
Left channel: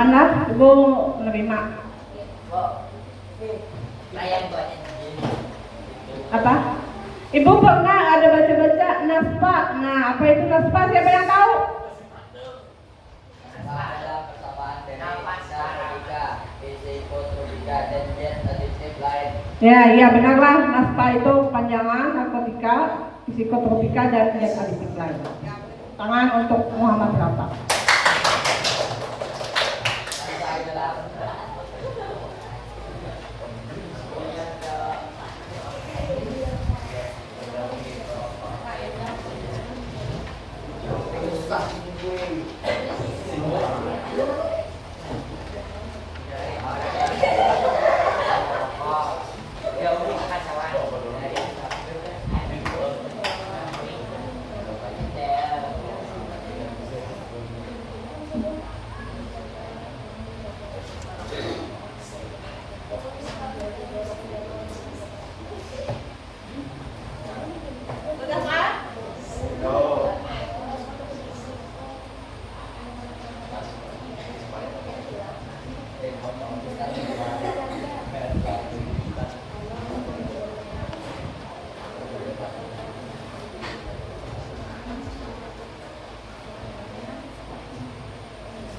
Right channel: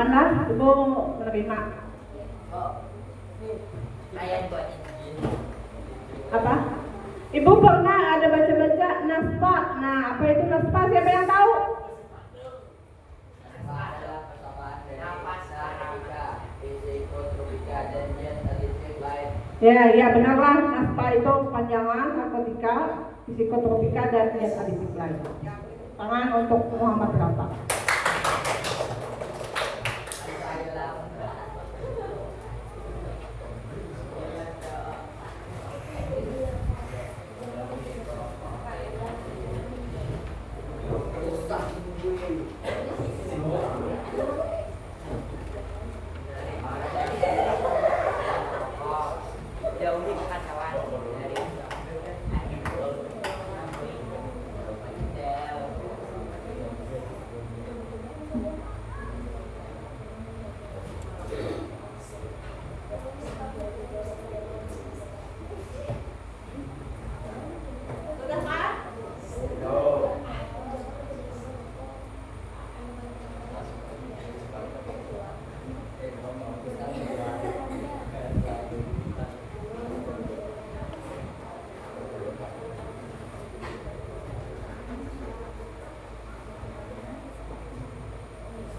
Mana Ibu menerima? Saya buat Apa? Ibu pernah ada baca-baca naspa. Nah, apa itu naspa? Siapa yang tahu? adalah persamaan dari psikotrofika, psikotropika, dan additive lain. Ya, benarlah. Naspa itu panjangan narkotika, psikotropika, dan zat aditif lain. Tangan untuk Muhammad Rafa.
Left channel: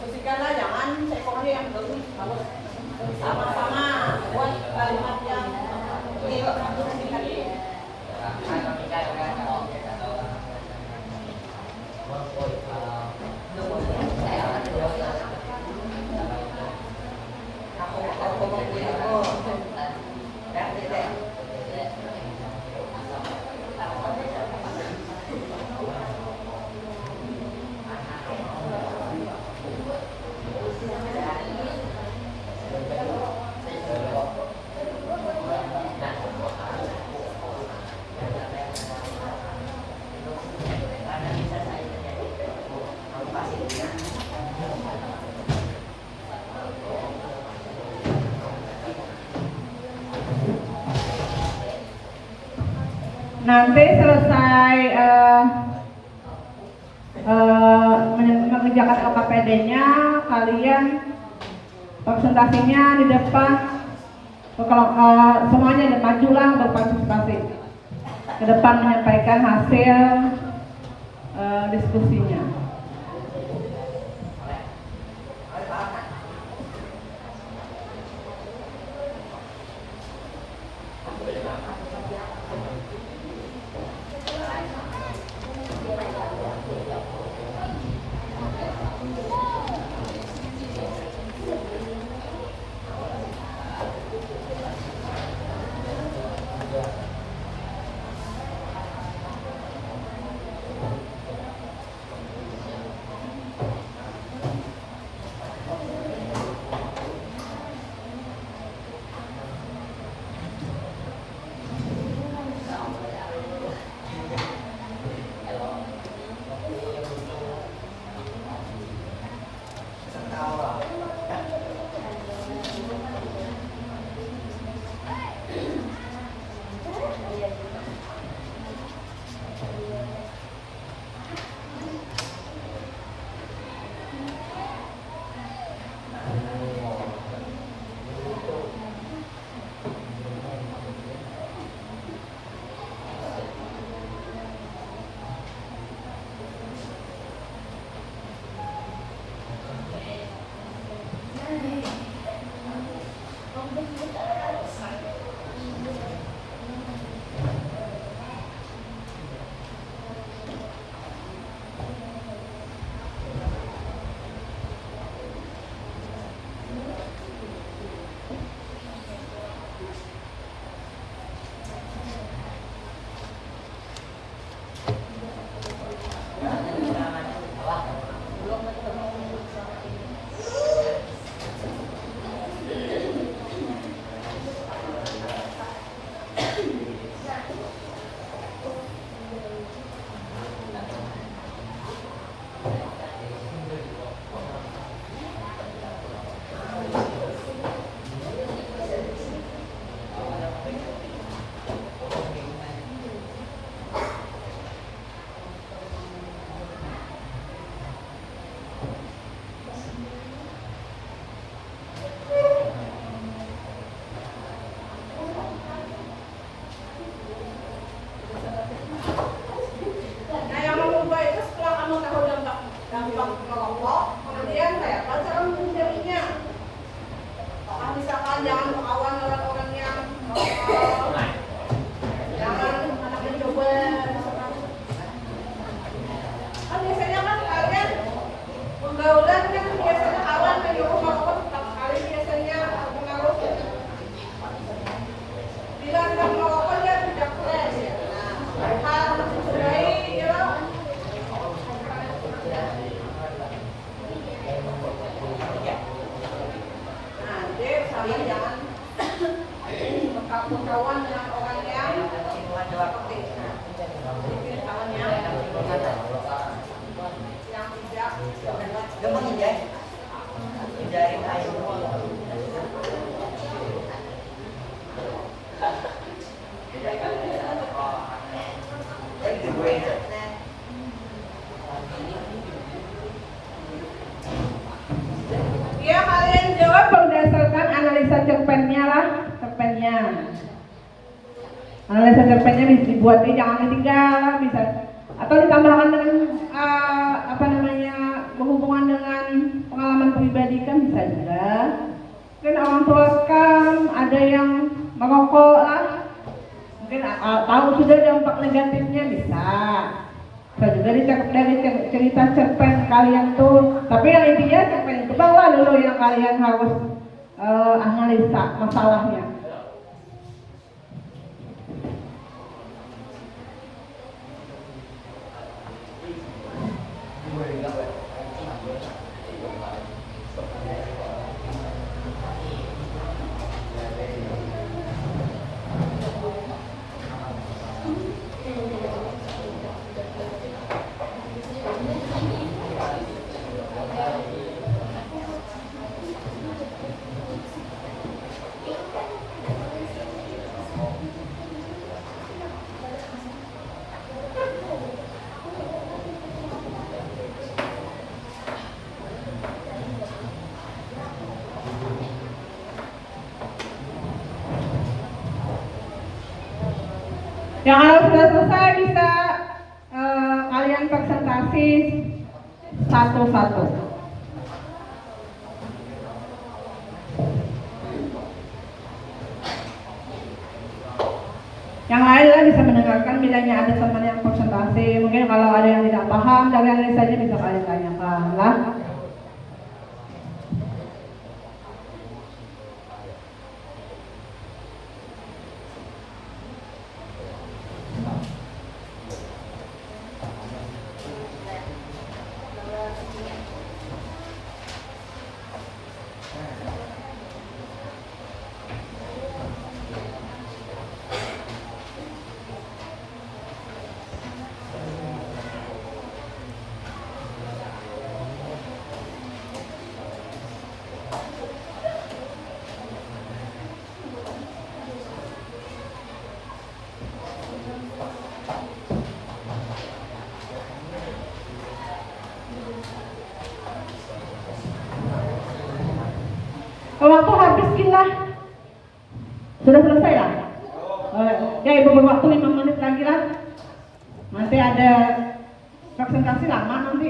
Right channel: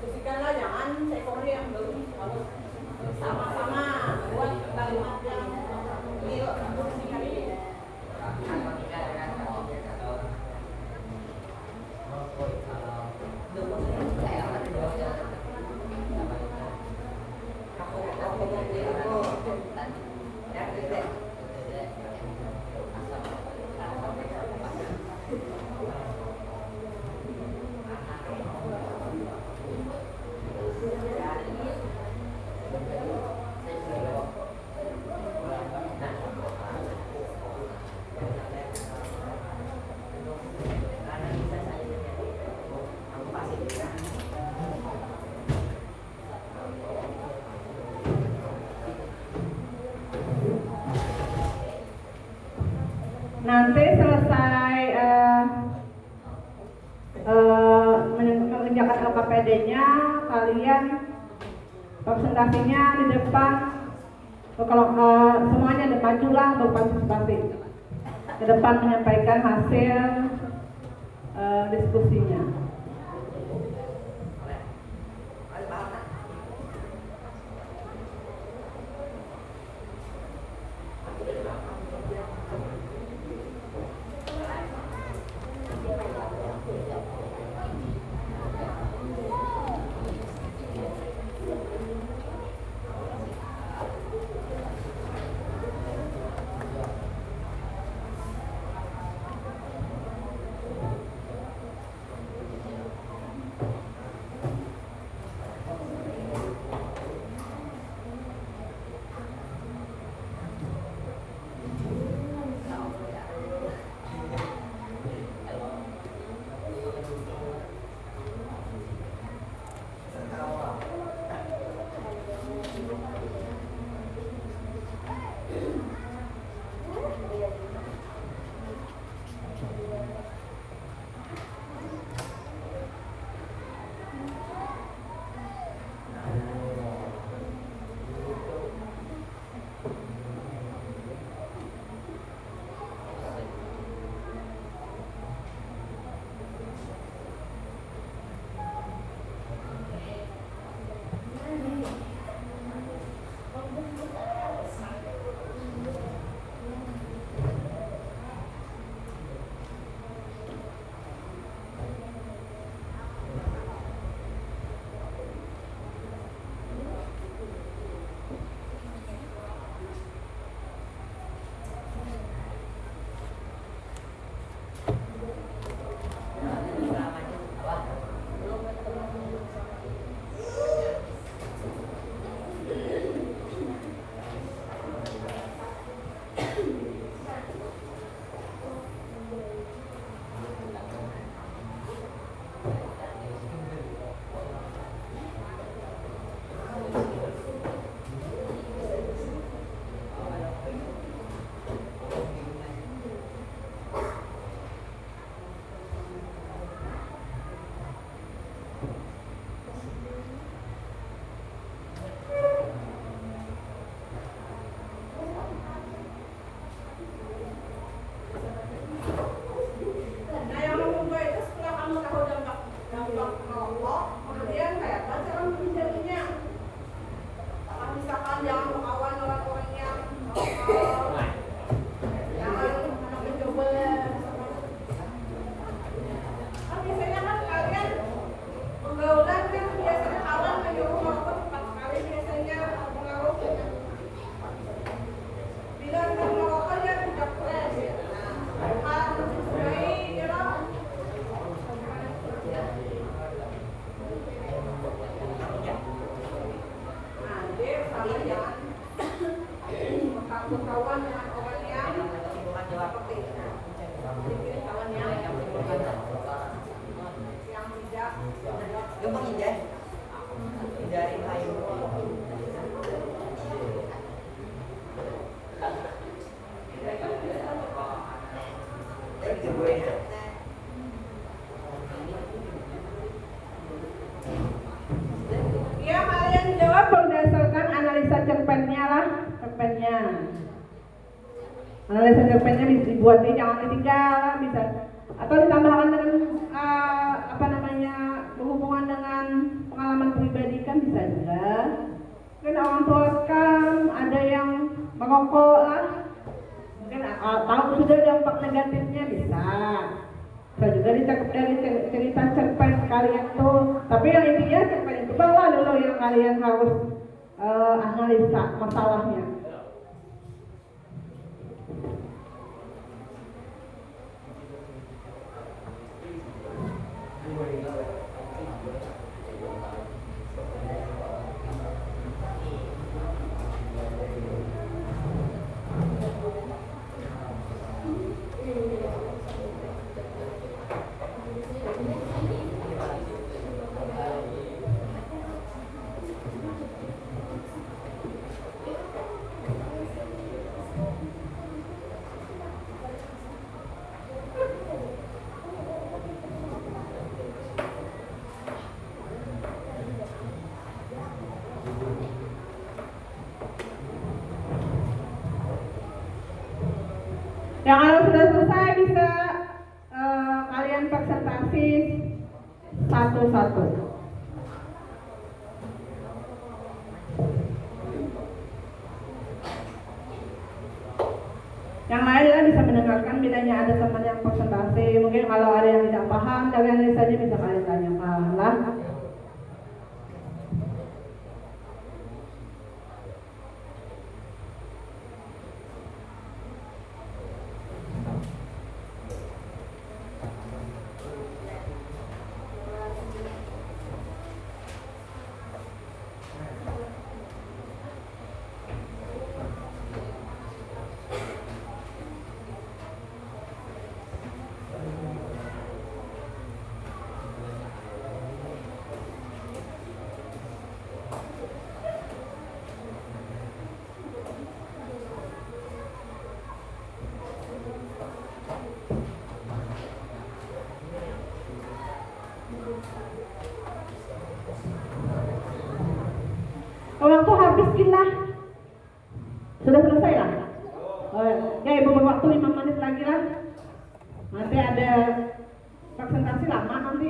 Diskusikanlah, jangan sekolahnya yang belum harus sama-sama buat kalimat yang nanti selesai mengerjakan LKPD-nya, kalian presentasinya di depan. Kalau semuanya majulah berpartisipasi ke depan menyampaikan hasil diskusinya. Bila sedang merokok dia tidak fresh ya. Nah, harus dicurigai dia. Nah, dia sama jangan berkawan dengan orang yang seperti itu. Jadi kawan yang tidak Hindari air. ya kalian jawab berdasarkan analisa cerpennya lah, cerpennya. Analisa cerpennya bisa dibuat, jangan ditinggal, bisa atau ditambahkan dengan apa namanya berhubungan dengan pengalaman pribadi kan bisa juga. Mungkin orang tua kan ada yang merokok lah, mungkin tahu sudah dampak negatifnya bisa juga dari cerita cerpen kalian tuh. Tapi yang intinya cerpen itu bawa dulu yang kalian harus analisa masalahnya. Yang kalau sudah selesai bisa kalian presentasi satu-satu. Yang lain lah bisa mendengarkan, bedanya ada teman yang presentasi. Mungkin kalau ada yang tidak paham dari analisanya bisa kalian tanyakan lah. Waktu habis kita sudah selesai lah. Ya ibu berwaktu 5 menit lagi lah. Nanti ada presentasi lama nanti.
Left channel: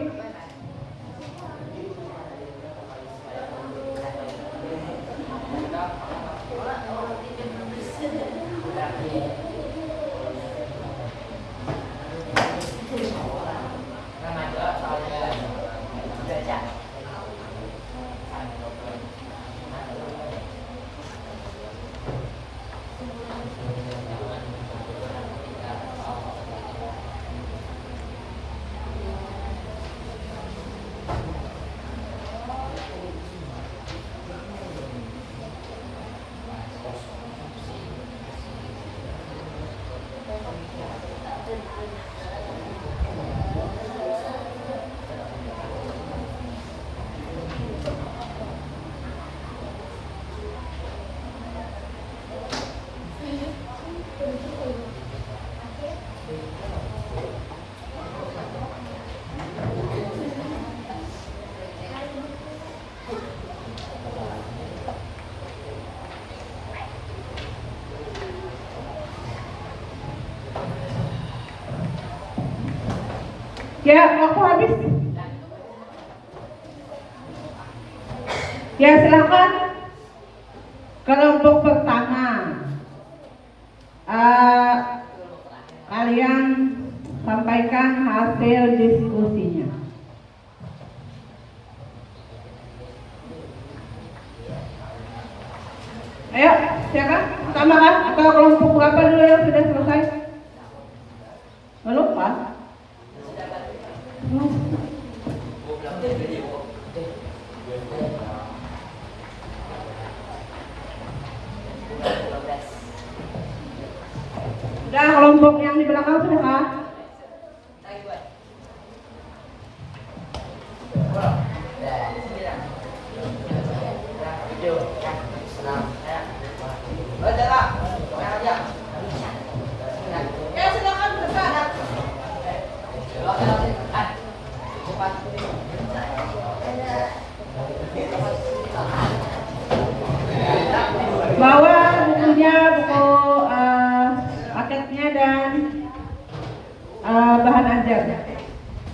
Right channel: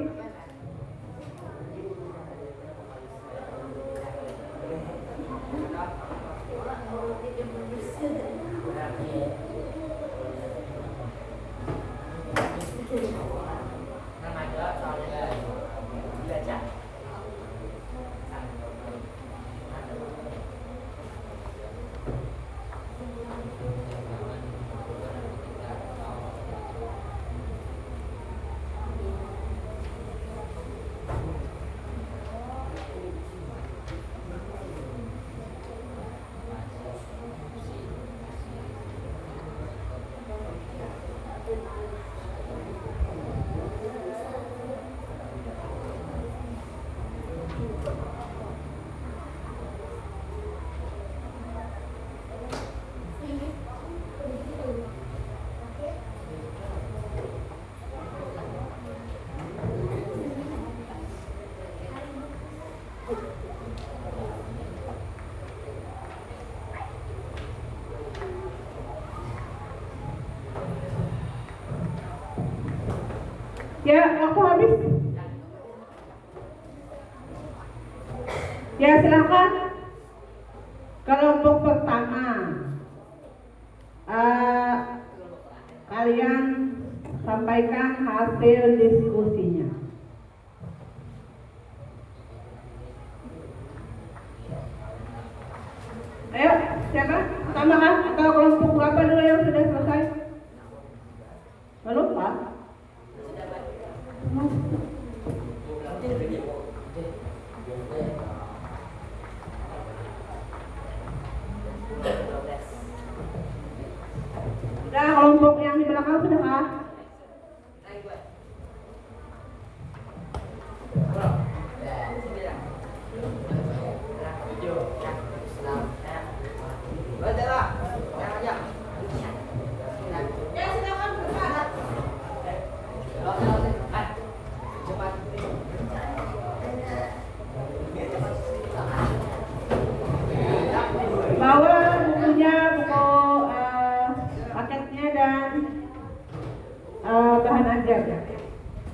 Ya, waktu habis. Ya, silakan. Kelompok pertama, kalian sampaikan hasil diskusinya. Ayo, silakan. Pertama kan? Atau kelompok Siapa dulu yang sudah selesai? Nggak lupa? Ya, kelompok yang di belakang sudah kah? Ya, silakan bergerak. Bawa bukunya, buku paketnya dan bahan ajar.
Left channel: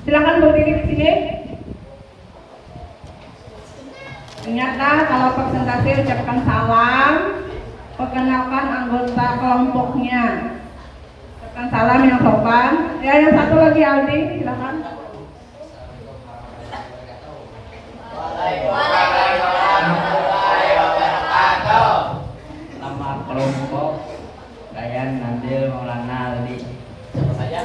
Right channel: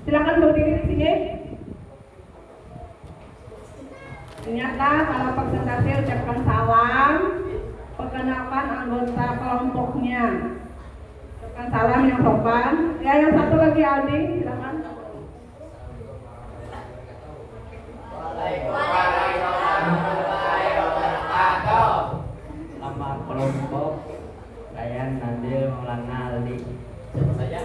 Silakan berdiri di sini. Ingatlah kalau presentasi ucapkan salam, perkenalkan anggota kelompoknya. Ucapkan salam yang sopan. Ya, yang satu lagi Aldi, silakan. Nama kelompok Dayan Nabil Maulana Aldi. Siapa saja?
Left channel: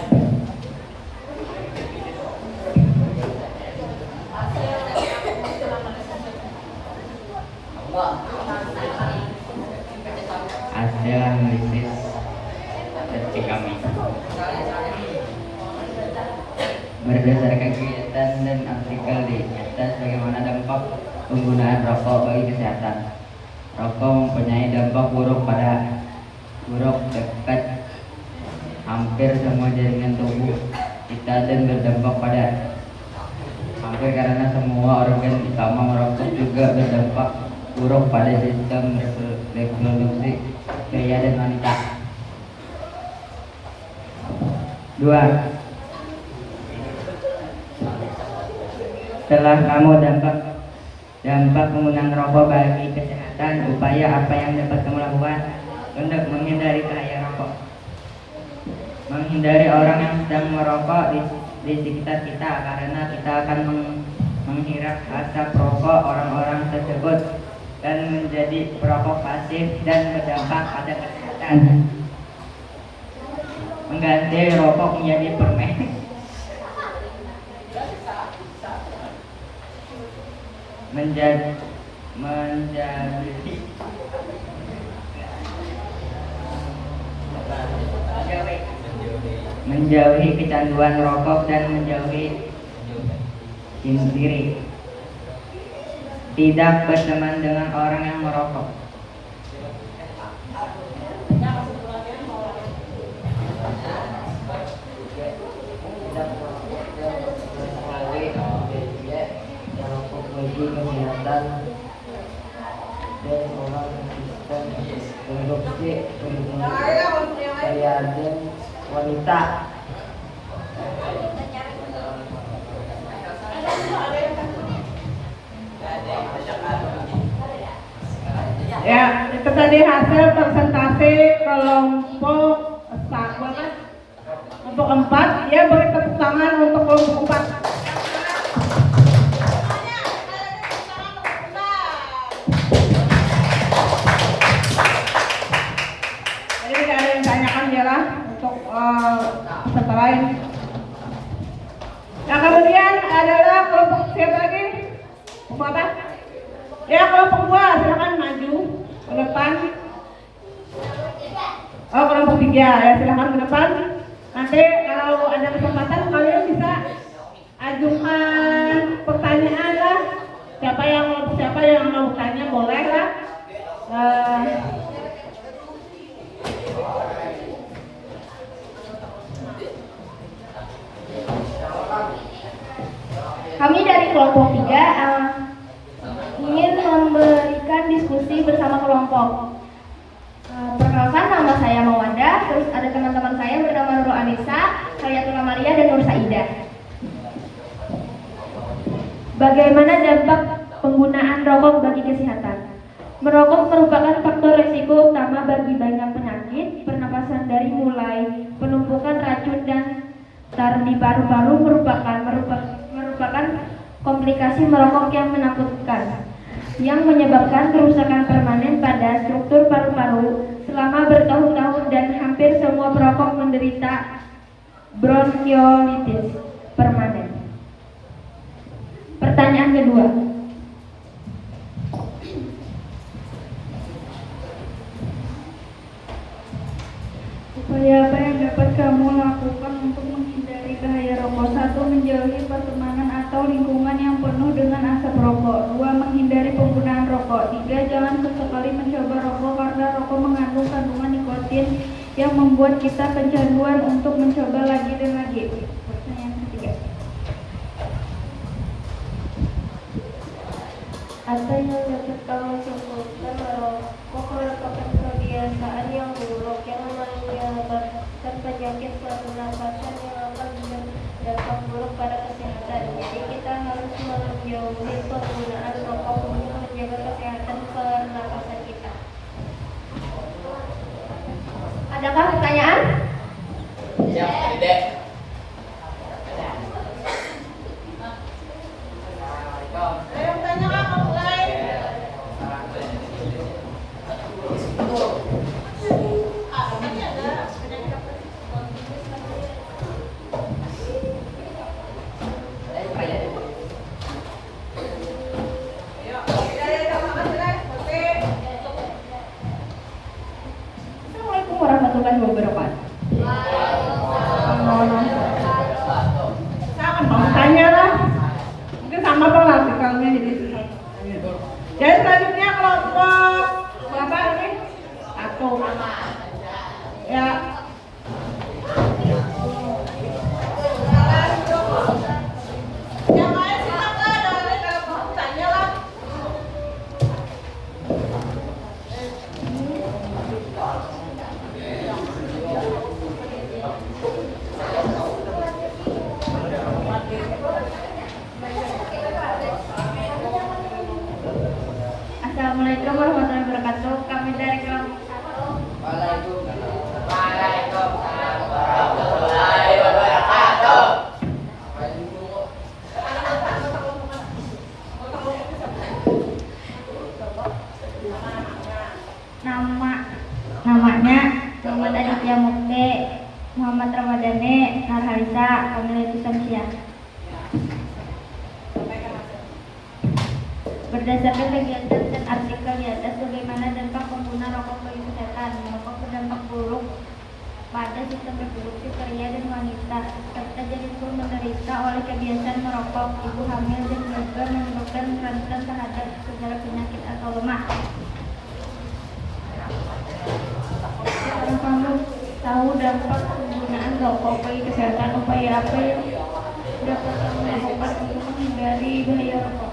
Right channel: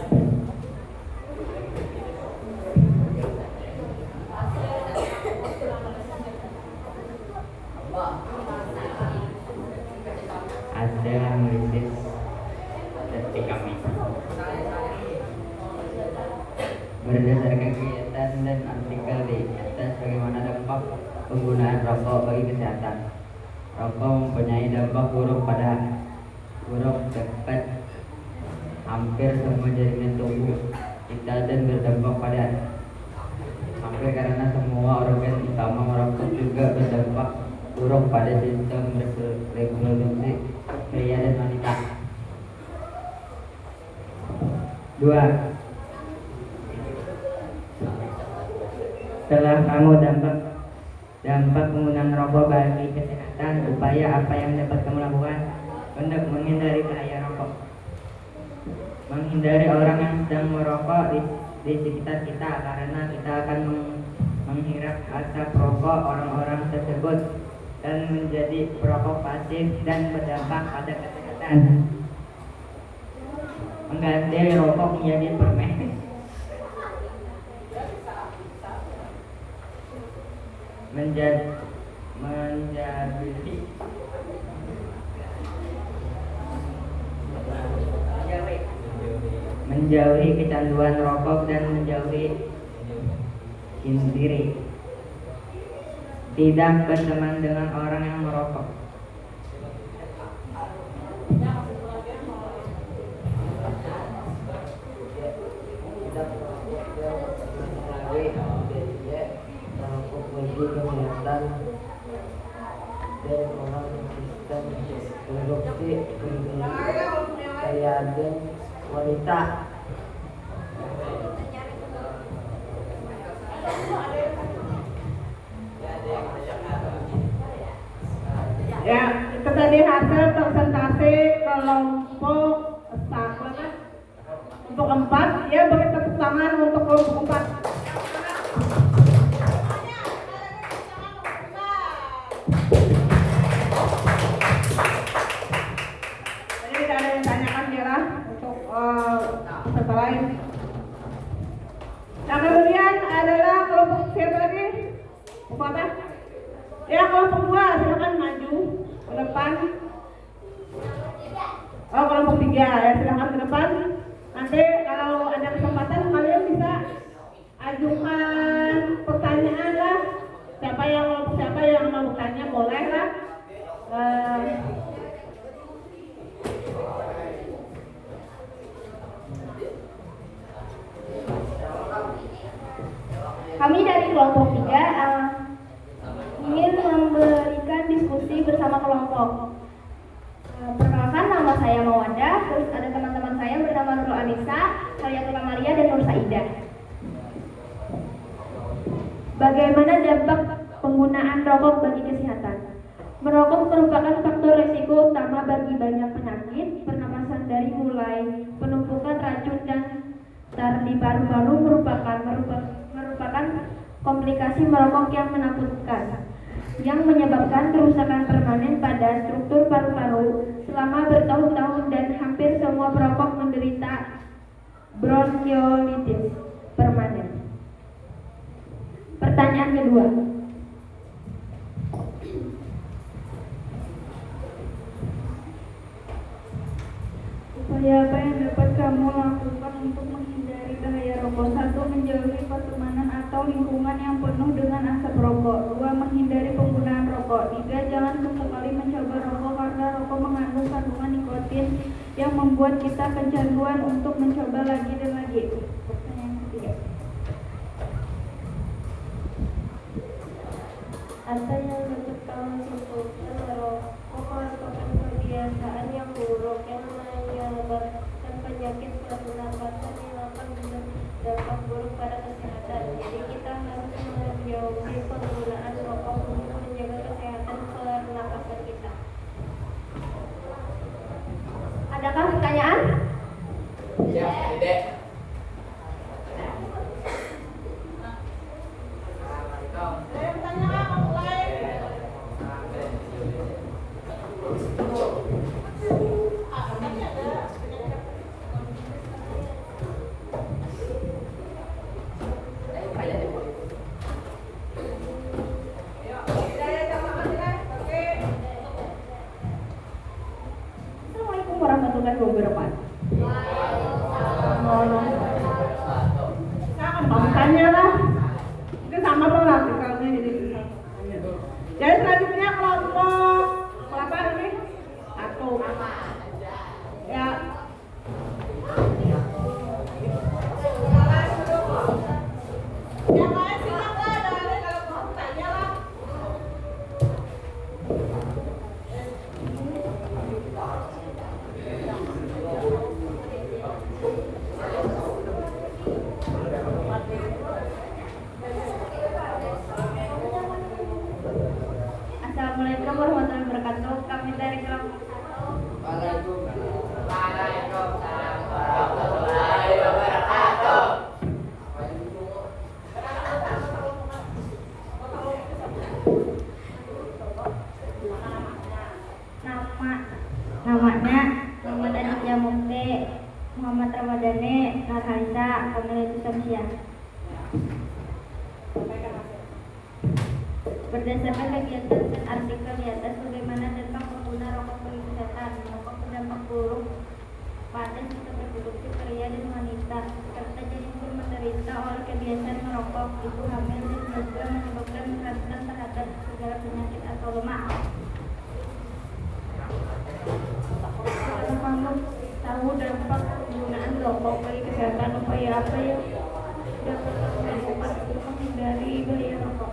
Hasil analisis statistik kami berdasarkan kegiatan dan artikel di atas bagaimana dampak penggunaan rokok bagi kesehatan. Rokok mempunyai dampak buruk dekat hampir semua jaringan tubuh kita dan berdampak pada hampir karena semua organ utama. Merokok juga berdampak buruk pada sistem reproduksi pria dan wanita. 2. Setelah kamu dampak penggunaan rokok bagi kesehatan, upaya apa yang dapat kamu lakukan untuk menghindari bahaya rokok? Menghindari orang yang sedang merokok di sekitar kita, karena kita akan menghirup asap rokok orang-orang tersebut dan menjadi perokok pasif dan berdampak pada kesehatan. Mengganti rokok menjadi permen. Menjauhi kecanduan rokok dan menjauhi bunuh diri. Tidak berteman dengan orang yang merokok. Kesehatan dan orang Kristen produksi pria dan wanita. Ya, itu tadi hasil presentasi kelompok untuk 4. Ya, beri tepuk tangan untuk kelompok 4. Jadi tidak ada yang tanyakan ya lah untuk peserta lain. Nah, kemudian adalah kelompok siapa lagi? Kelompok apa? Ya, kelompok 2, silakan maju ke depan. Oh, kelompok 3 ya, silakan ke depan. Nanti kalau ada kesempatan kalian bisa ajukan pertanyaan lah. Siapa yang mau tanya boleh lah. Kami dari kelompok 3 ingin memberikan diskusi bersama kelompok. Perkenalkan, nama saya Mawanda, terus ada teman-teman saya bernama Nurul Anissa, Hayatullah Maria, dan Nur Saidah. Bagaimana dampak penggunaan rokok bagi kesehatan? Merokok merupakan faktor risiko utama bagi banyak penyakit pernapasan, dari mulai penumpukan racun dan tar di paru-paru merupakan komplikasi merokok yang menakutkan, yang menyebabkan kerusakan permanen pada struktur paru-paru selama bertahun-tahun dan anksiolitis permanen. Pertanyaan kedua. Upaya apa yang dapat kamu lakukan untuk menghindari bahaya rokok? 1. Menjauhi pertemanan atau lingkungan yang penuh dengan asap rokok. 2. Menghindari penggunaan rokok. 3. Jangan sesekali mencoba rokok karena rokok mengandung kandungan nikotin yang membuat kita kecanduan untuk mencoba lagi dan lagi. Pertanyaan ketiga. Ada yang dapat kamu sebutkan merokok merupakan kebiasaan yang buruk yang menyebabkan penyakit saluran nafas yang akan berdampak buruk pada kesehatan. Jadi kita harus menjauhi penggunaan rokok untuk menjaga kesehatan pernapasan kita. Adakah pertanyaan? Ya, tidak. Ada yang tanya Kak, kalau mulai? Kak, tanya ada penyakit apa? Ya, makasih lah. Oke. Assalamualaikum warahmatullahi wabarakatuh. Sama Bang, tanya lah. Itu sama Bang artikelnya jadi susah. Jadi selanjutnya kelompok berapa ini? 1. Ya. Yang lain silakan, ada kalau mau tanya lah. Assalamualaikum warahmatullahi wabarakatuh. Kami dari kelompok 1. Namanya Muhammad Aditya Mukti, Muhammad Ramadhani, Narhalisa, Kamilatu Samsiah. Berdasarkan kegiatan dan artikel di atas, bagaimana dampak pengguna rokok bagi kesehatan? Merokok berdampak buruk pada sistem reproduksi pria dan wanita, serta janin pun menderita oleh kebiasaan merokok. Ibu hamil dan juga menyebabkan rentan terhadap segala penyakit atau lemak. Kalau kamu tahu dampak penggunaan rokok bagi kesehatan, upaya apa yang dapat kamu lakukan untuk menghindari bahaya rokok?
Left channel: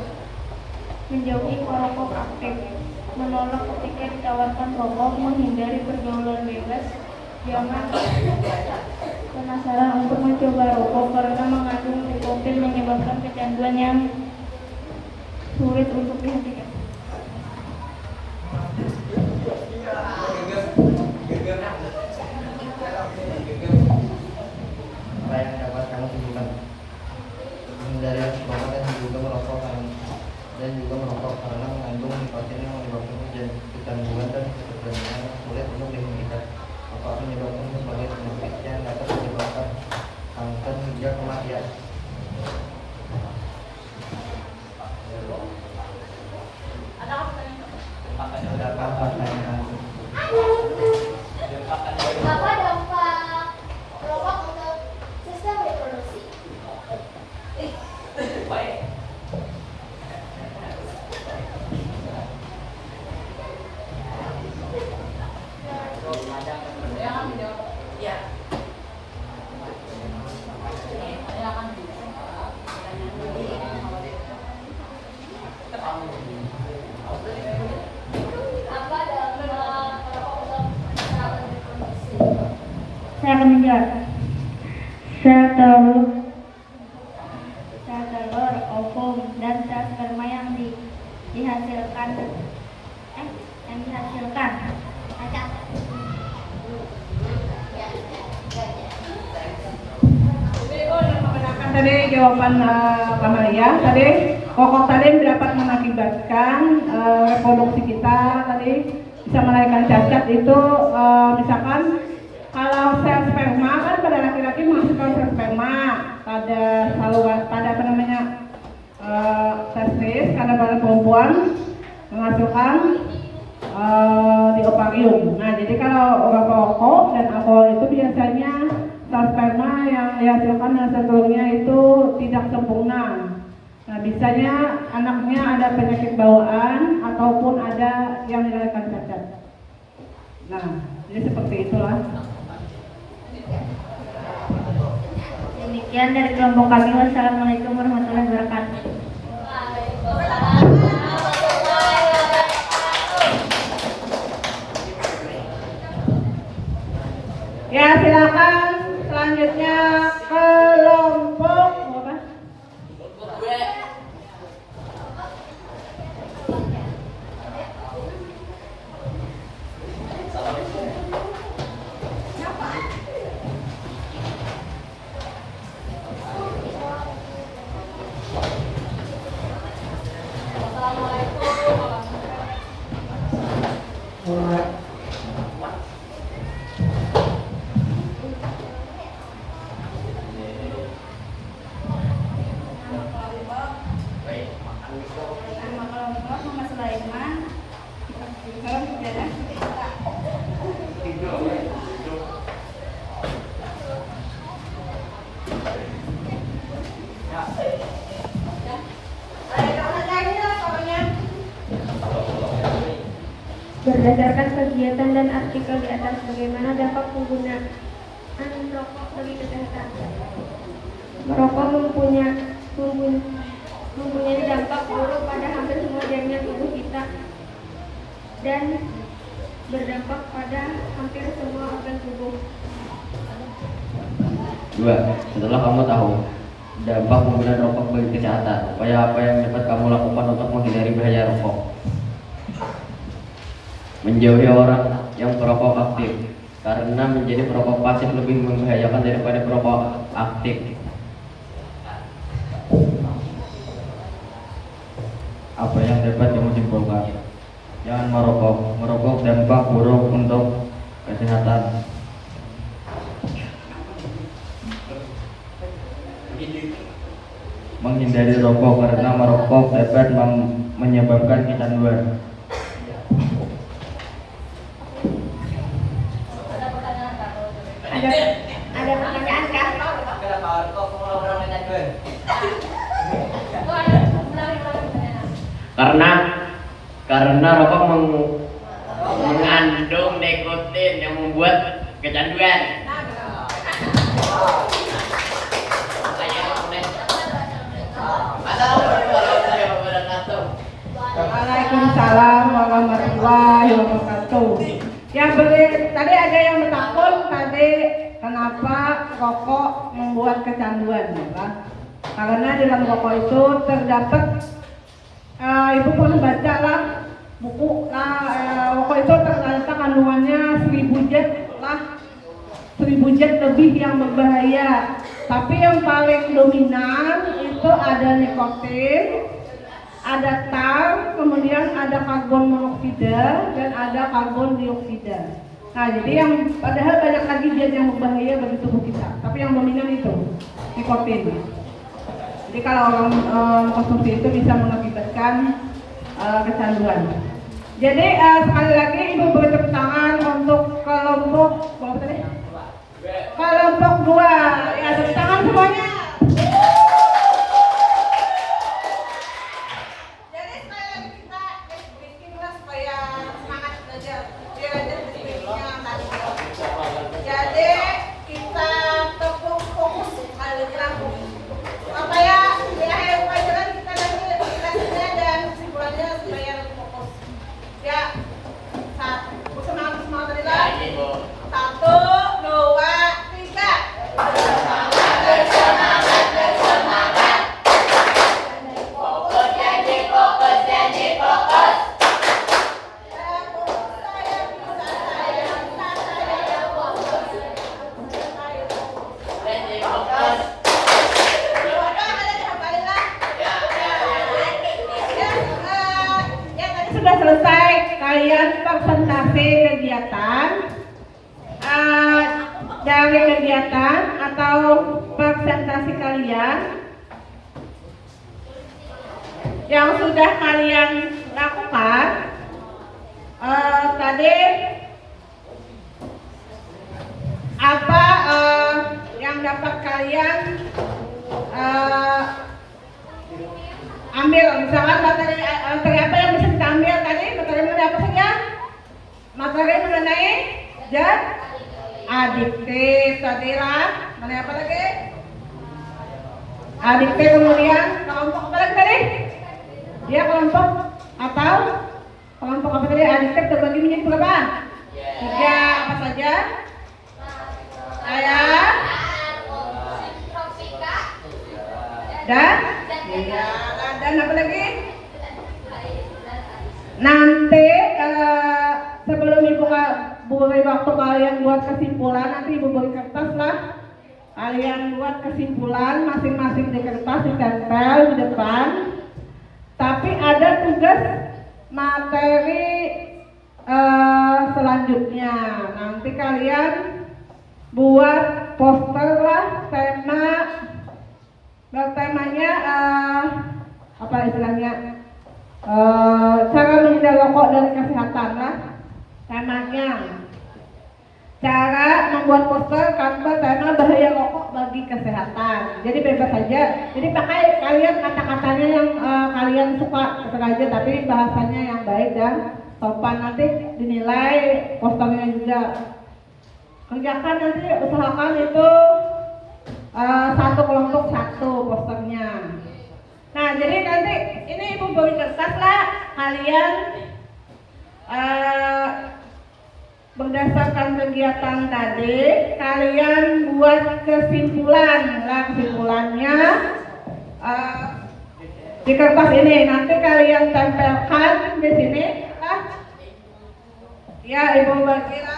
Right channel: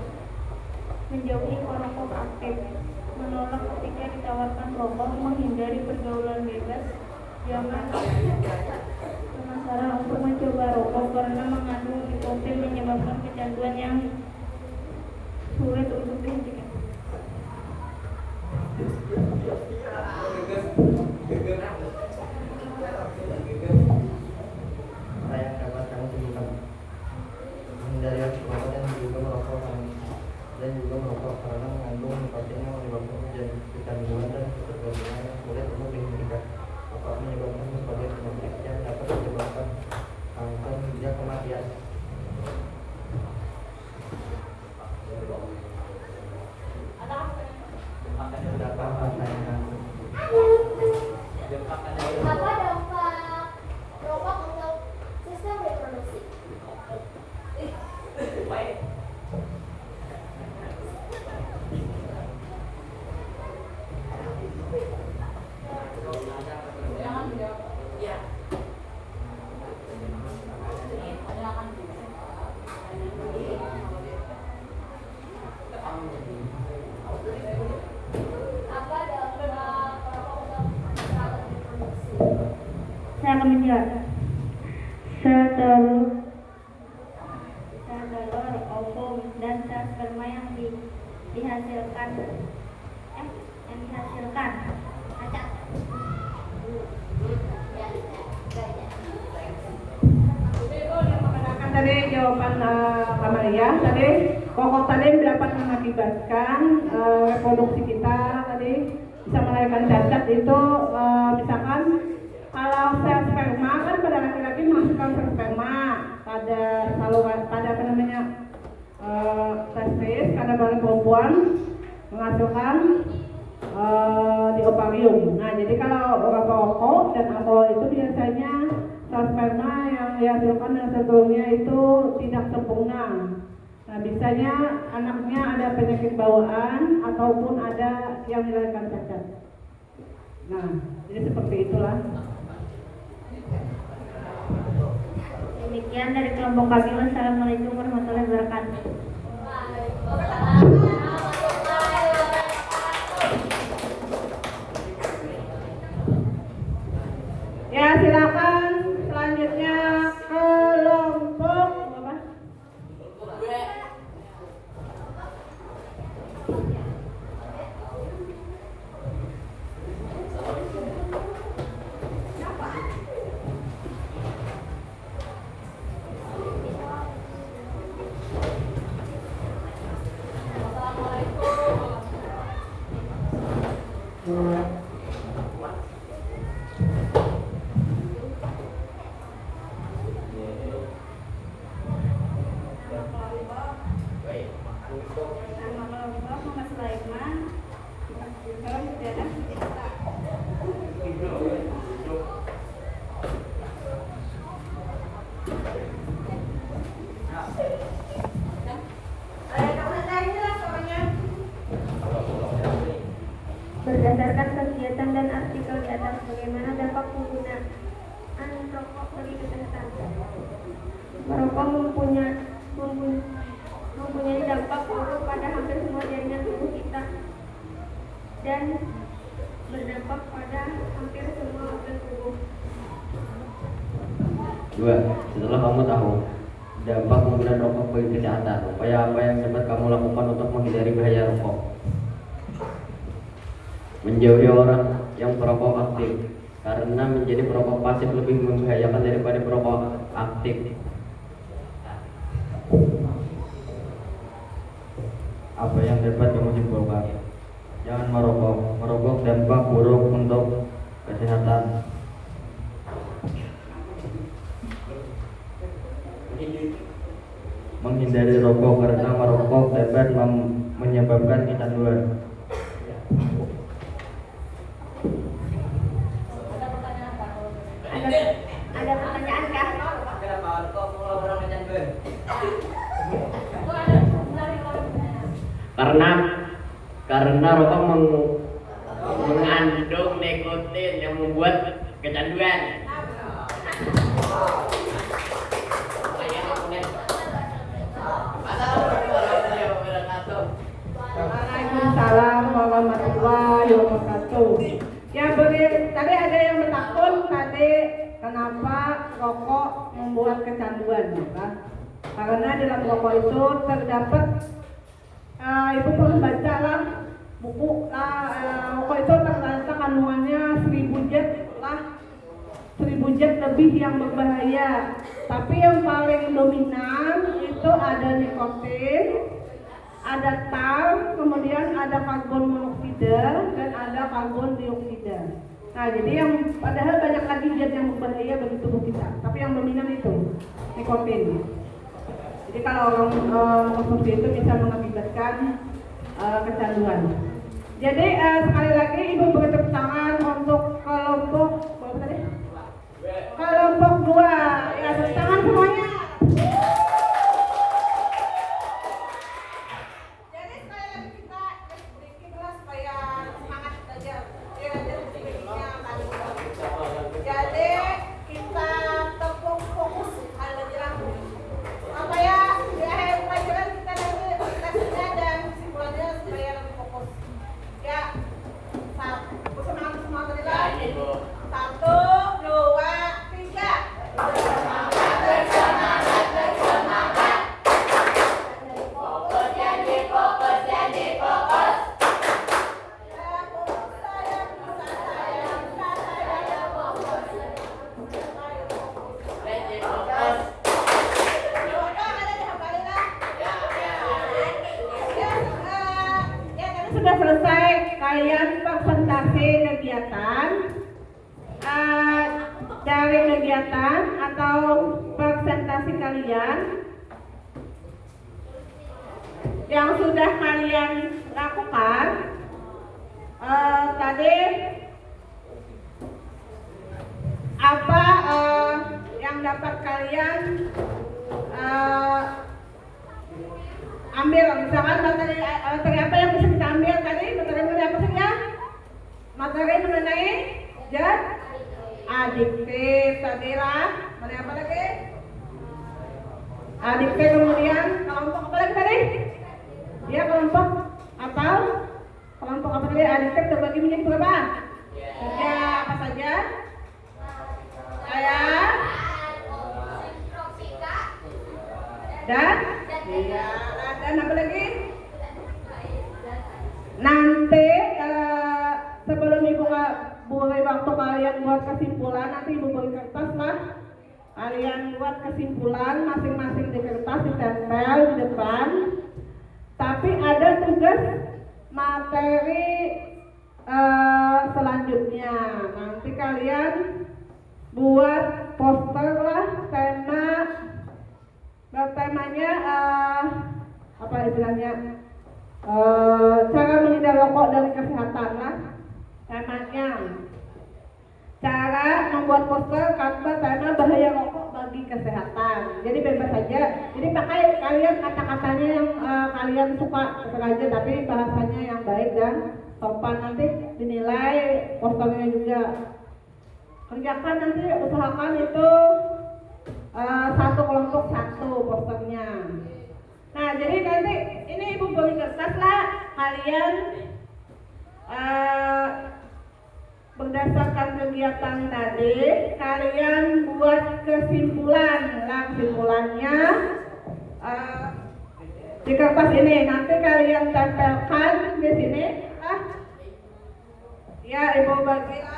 Menjauhi perokok aktif, menolak ketika ditawarkan rokok, menghindari pergaulan bebas, jangan penasaran untuk mencoba rokok karena mengandung nikotin menyebabkan kecanduan yang sulit untuk dihentikan. Apa yang dapat kamu lakukan? Menghindari rokok dan juga merokok karena mengandung nikotin yang menyebabkan kecanduan dan ketergantungan yang sulit untuk dihentikan. Rokok menyebabkan berbagai penyakit yang dapat menyebabkan kanker hingga kematian. Berapa pertanyaan? Apa dampak rokok untuk sistem reproduksi? Saya akan menjawab. Sel telur, ovum, dan sel sperma yang dihasilkan. Tadi jawaban Kamalia tadi rokok tadi dapat mengakibatkan reproduksi kita tadi bisa melahirkan cacat itu misalkan kalau sel sperma kan pada laki-laki menghasilkan sel sperma pada apa namanya testis karena pada perempuan menghasilkan di ovarium. Nah, jadi kalau orang perokok dan alkohol itu biasanya sel sperma yang dihasilkan hasil telurnya itu tidak sempurna. Nah, biasanya anaknya ada penyakit bawaan ataupun ada yang dilahirkan cacat. Nah, jadi seperti itulah. Demikian dari kelompok kami. Wassalamualaikum warahmatullahi wabarakatuh. Ya, silakan selanjutnya kelompok apa? Berdasarkan kegiatan dan artikel di atas, bagaimana dampak penggunaan rokok bagi kesehatan? Merokok mempunyai dampak buruk pada hampir semua jaringan tubuh kita dan berdampak pada hampir semua organ tubuh. 2. Setelah kamu tahu dampak penggunaan rokok bagi kesehatan, upaya apa yang dapat kamu lakukan untuk menghindari bahaya rokok? Menjauhi orang yang perokok aktif, karena menjadi perokok pasif lebih membahayakan daripada perokok aktif. Apa yang dapat kamu simpulkan? Jangan merokok. Merokok dampak buruk untuk kesehatan. Menghindari rokok karena merokok dapat menyebabkan kecanduan. Ada pertanyaan kah? Karena rokok mengandung nikotin yang membuat kecanduan. Waalaikumsalam warahmatullahi wabarakatuh. Tadi ada yang bertakun tadi kenapa rokok membuat kecanduan, ya Pak? Karena dalam rokok itu terdapat ibu pernah baca lah buku rokok itu ternyata kandungannya 1000 zat lebih yang berbahaya. Tapi yang paling dominan itu ada nikotin, ada tar, kemudian ada karbon monoksida dan ada karbon dioksida. Nah, jadi yang padahal banyak lagi zat yang berbahaya bagi tubuh kita, tapi yang dominan itu nikotin. Jadi kalau orang konsumsi itu bisa mengakibatkan kecanduan. Jadi sekali lagi Ibu beri tepuk tangan untuk kelompok berapa tadi? Kelompok 2. Ya, tepuk tangan semuanya. Jadi sekali lagi kita bikin supaya semangat belajar. Biar aja speakingnya tadi. Jadi kita fokus apa ya, di akhir pelajaran kita nanti refleksinya dan kesimpulannya supaya lebih fokus. Ya, semangat tadi lah. 1, 2, 3. Sudah selesai kalian presentasi kegiatan dari kegiatan atau presentasi kalian. yang sudah kalian lakukan tadi apa yang dapat kalian ambil, misalkan materi apa yang bisa kita ambil tadi, materi mengenai apa saja? Materi mengenai adiktif tadi lah, mengenai apa lagi? Adiktif, kemudian kelompok apa lagi tadi? Ya, kelompok atau kelompok apa tadi? Adiktif terbagi menjadi berapa? Tiga, apa saja? Saya dan apa lagi? Nanti sebelum ibu beri waktu kalian buat kesimpulan, nanti ibu beri kertas lah. Kalian buat kesimpulan masing-masing di kertas, ditempel di depan. Tapi ada tugas materi selanjutnya. Nanti kalian buat poster lah, temanya apa istilahnya? Cara menghindari rokok dari kesehatan lah temanya. Cara membuat poster tanpa tema bahaya rokok bagi kesehatan. Jadi bebas saja. Jadi pakai kalian kata-katanya yang kalian suka aja, tapi bahasanya yang baik dan sopan. Nanti dinilai posternya juga. Kerjakan nanti, usahakan itu satu kelompok satu posternya. Nah, jadi nanti ini ibu beri kertas lah, kalian berdasarkan kegiatan tadi kalian buat kesimpulan lah, kesimpulannya di kertas ini nanti kalian tempelkan di sini lah. Ya, ibu bagi lah.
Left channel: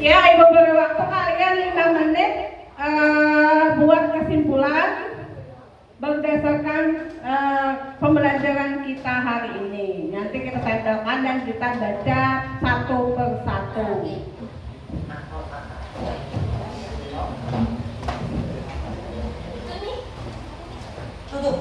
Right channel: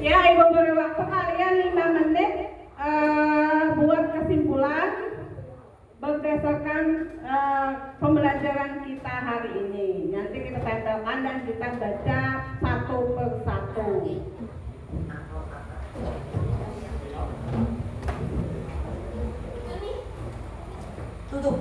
Ya, ibu beri waktu kalian 5 menit buat kesimpulan berdasarkan pembelajaran kita hari ini. Nanti kita tempelkan dan kita baca satu persatu. Tutup.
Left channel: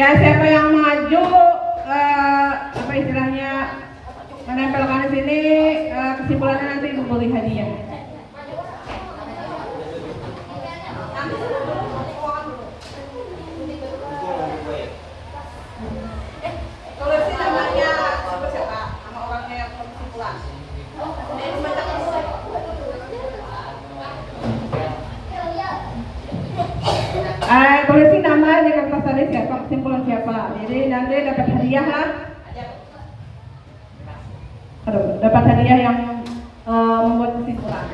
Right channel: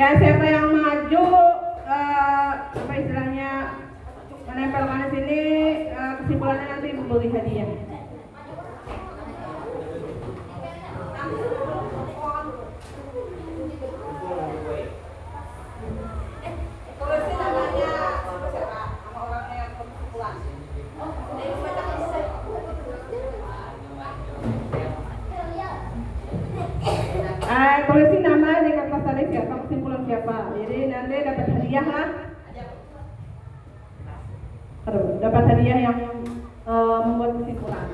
Ya, siapa yang maju apa istilahnya menempelkan di sini, kesimpulannya nanti Ibu beri hadiah. Tulisin namanya siapa? Nama orangnya yang kesimpulan. Tulisin nama di kertas tadi siapa, kesimpulan siapa. Jadi nanti dapat hadiah lah. Dapat hadiah yang membuat kesimpulan.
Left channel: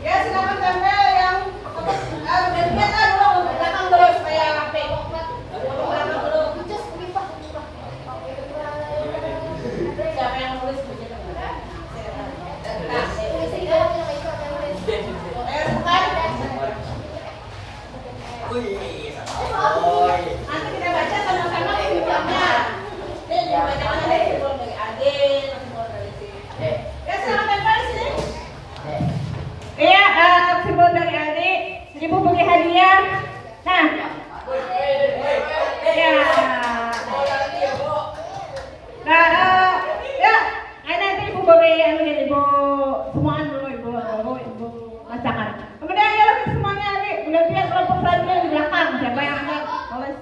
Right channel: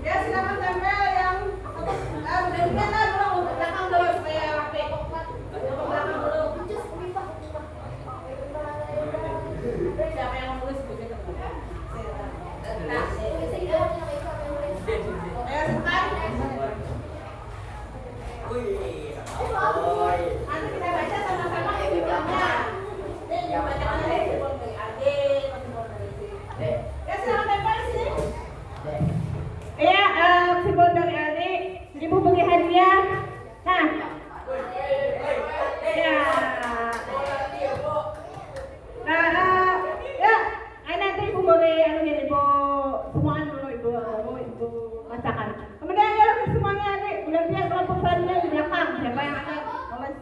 Ya, silakan tempel yang gantian lah dulu ke belakang dulu supaya rapi. Siapa yang nulis begitu? Nanti kita baca sama-sama kesimpulannya. Dan dibacakan ada kesimpulan dari Adit, kesimpulan dari si. Ya, silakan tempel di sini. Iya, kesimpulan dari Adik, Ibu beri hadiah. Nah, ya, ya, nanti Ibu beri Ibu semuaan dulu Ibu bacakan. Kemudian ya semuanya Adik, gantian kelompok selanjutnya di belakang. Siapa yang akan tulis?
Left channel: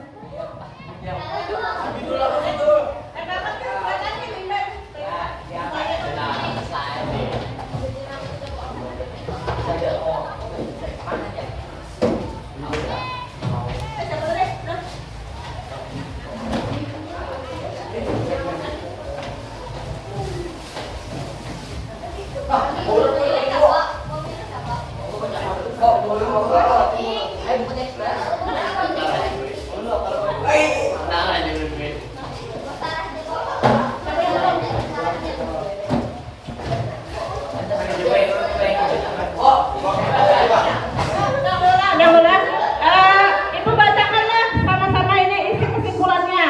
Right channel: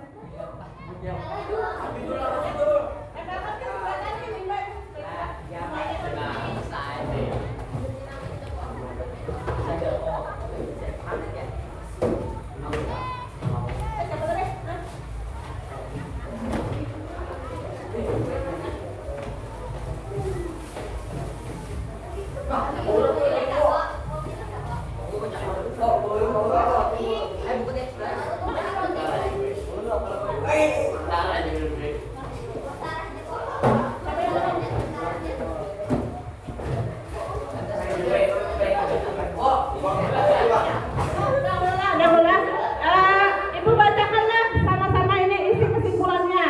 Ibu bacakanlah sama-sama ini isi kesimpulannya.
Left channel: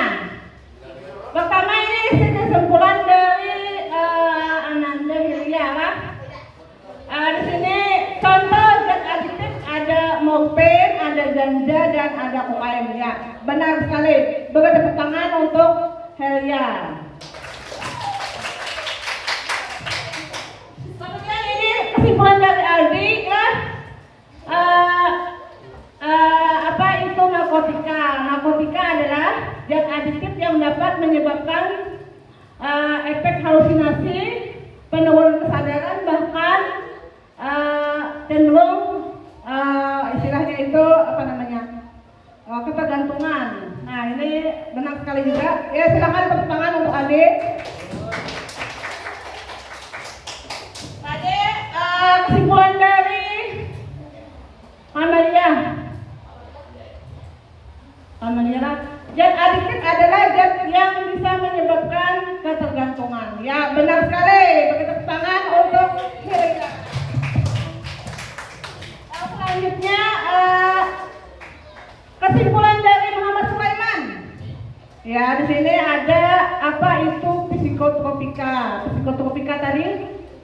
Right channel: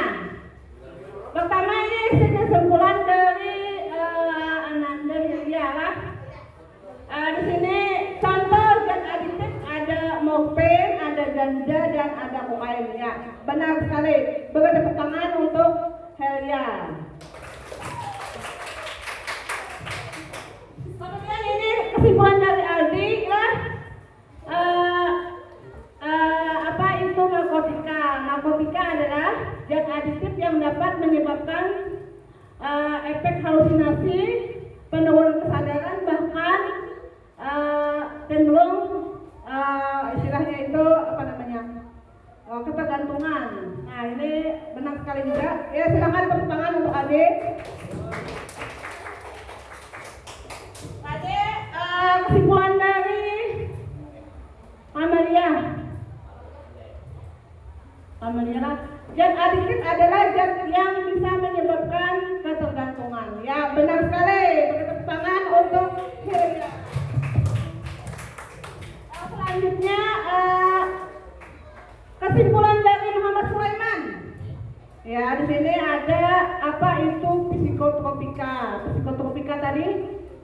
Pertama ini isi kesimpulan dari Ananda Wirya. Di sini contoh zat aditif ada morfin, ada ganja dan ada kokain ya. Benar sekali. Beri tepuk tangan untuk Helia. Kemudian ini kesimpulan dari Aldi ya. Apa itu narkotika? Narkotika adalah zat aditif yang dapat menyebabkan efek halusinasi, penurunan kesadaran, bahkan cenderung istilahnya itu apa namanya ketergantungan. Nah ini benar sekali juga. Ya silakan tepuk tangan untuk Ade. Ade, kesimpulan dari Amalia. Zat adiktif adalah zat yang bisa menyebabkan ketergantungan. Ya benar sekali. Beri tepuk tangan untuk Hilda. Selanjutnya kesimpulan dari Muhammad Sulaiman. Ya di sini ada apa itu psikotropika. Psikotropika tadi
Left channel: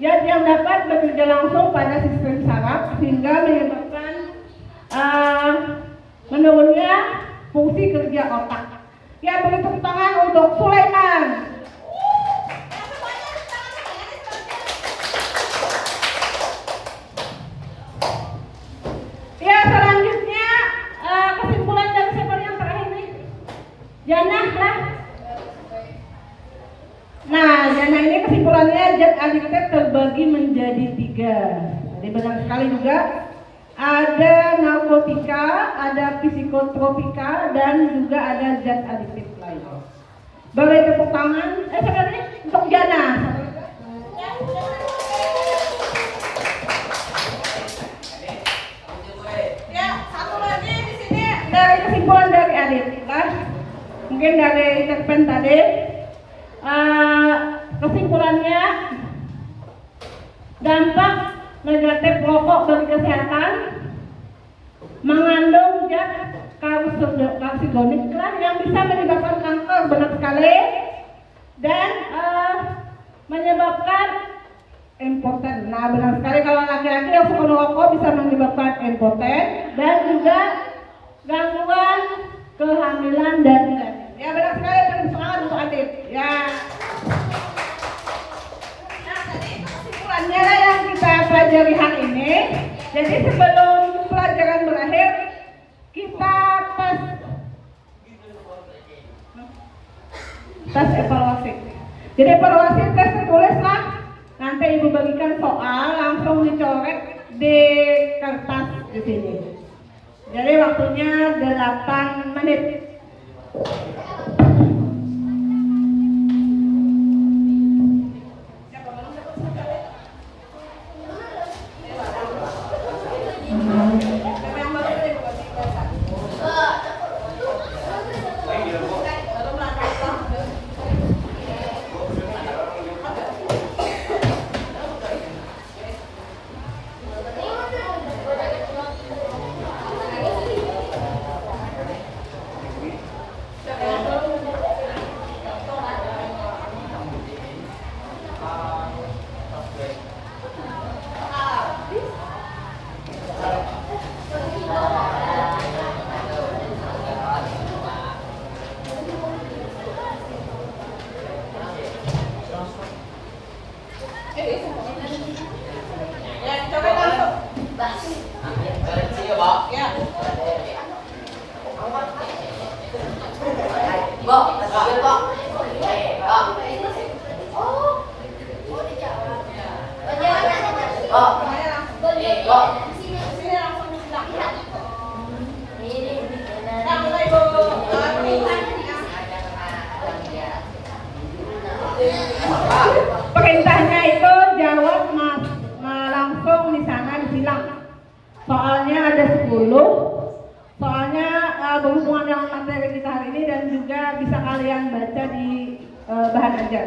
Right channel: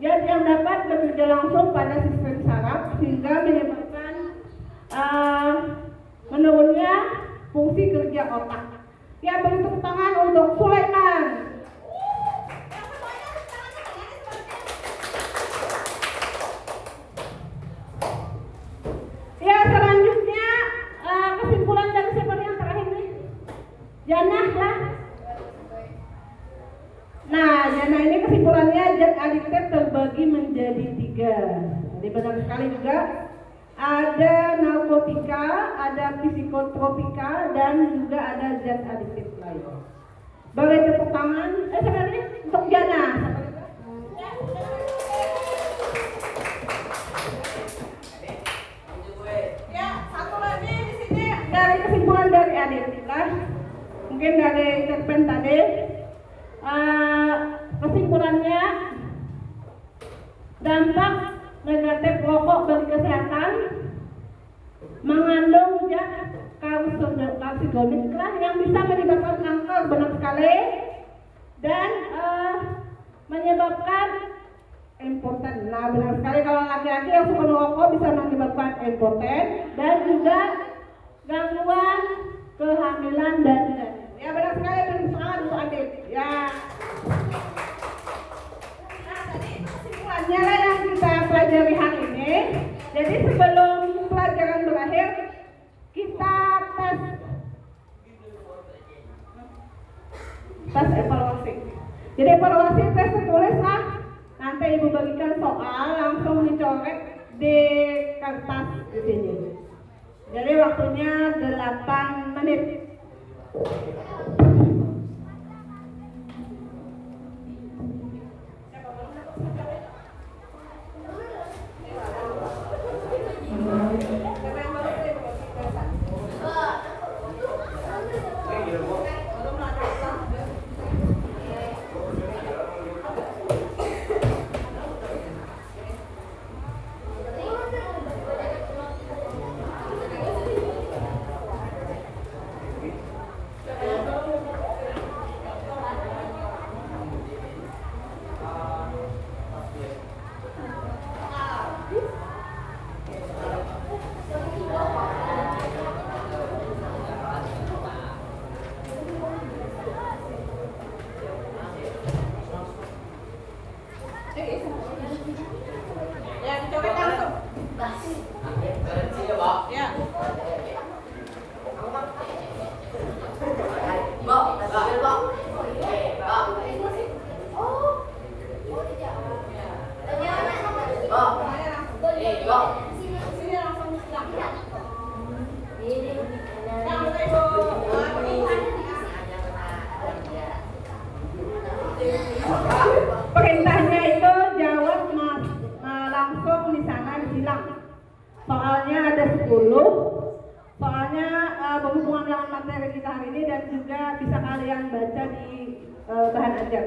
yang dapat bekerja langsung pada sistem saraf sehingga menyebabkan menurunnya fungsi kerja otak. Ya beri tepuk tangan untuk Sulaiman. Ya selanjutnya kesimpulan dari siapa yang terakhir nih? Janah lah. Nah Janah ini kesimpulannya zat adiktif terbagi menjadi 3. Jadi benar sekali juga. Ada narkotika, ada psikotropika, dan juga ada zat adiktif lain. Beri tepuk tangan. Sebenarnya untuk Jana. Ya satu lagi di sini dari kesimpulan dari Adit. Mungkin dari cerpen tadi. Kesimpulannya Dampak negatif rokok bagi kesehatan mengandung zat karsinogenic yang bisa menyebabkan kanker, benar sekali, dan menyebabkan impoten. Nah, benar sekali, kalau laki-laki yang suka merokok bisa menyebabkan impoten dan juga gangguan kehamilan dan ya, benar sekali. Beri semangat untuk Adit. Ya. Nah, tadi kesimpulannya yang kita pelajari hari ini. Jadi sebelum pelajaran berakhir, kita tes evaluasi. Jadi evaluasi tes tertulis lah. Nanti ibu bagikan soal langsung dicoret di kertas di sini. Jadi waktunya 8 menit. Ya, coba langsung. Koreksi ya, Pak. Ya. Pak, kasih Pak. Pak. Pak. Semuanya langsung. Pak. Sini langsung bilang. Nah, mulai Bu. Perintahnya itu jawab langsung di sana disilang. Soalnya ada 10. Soalnya berhubungan dengan materi kita hari ini dan juga bisa kalian baca di bahan ajar.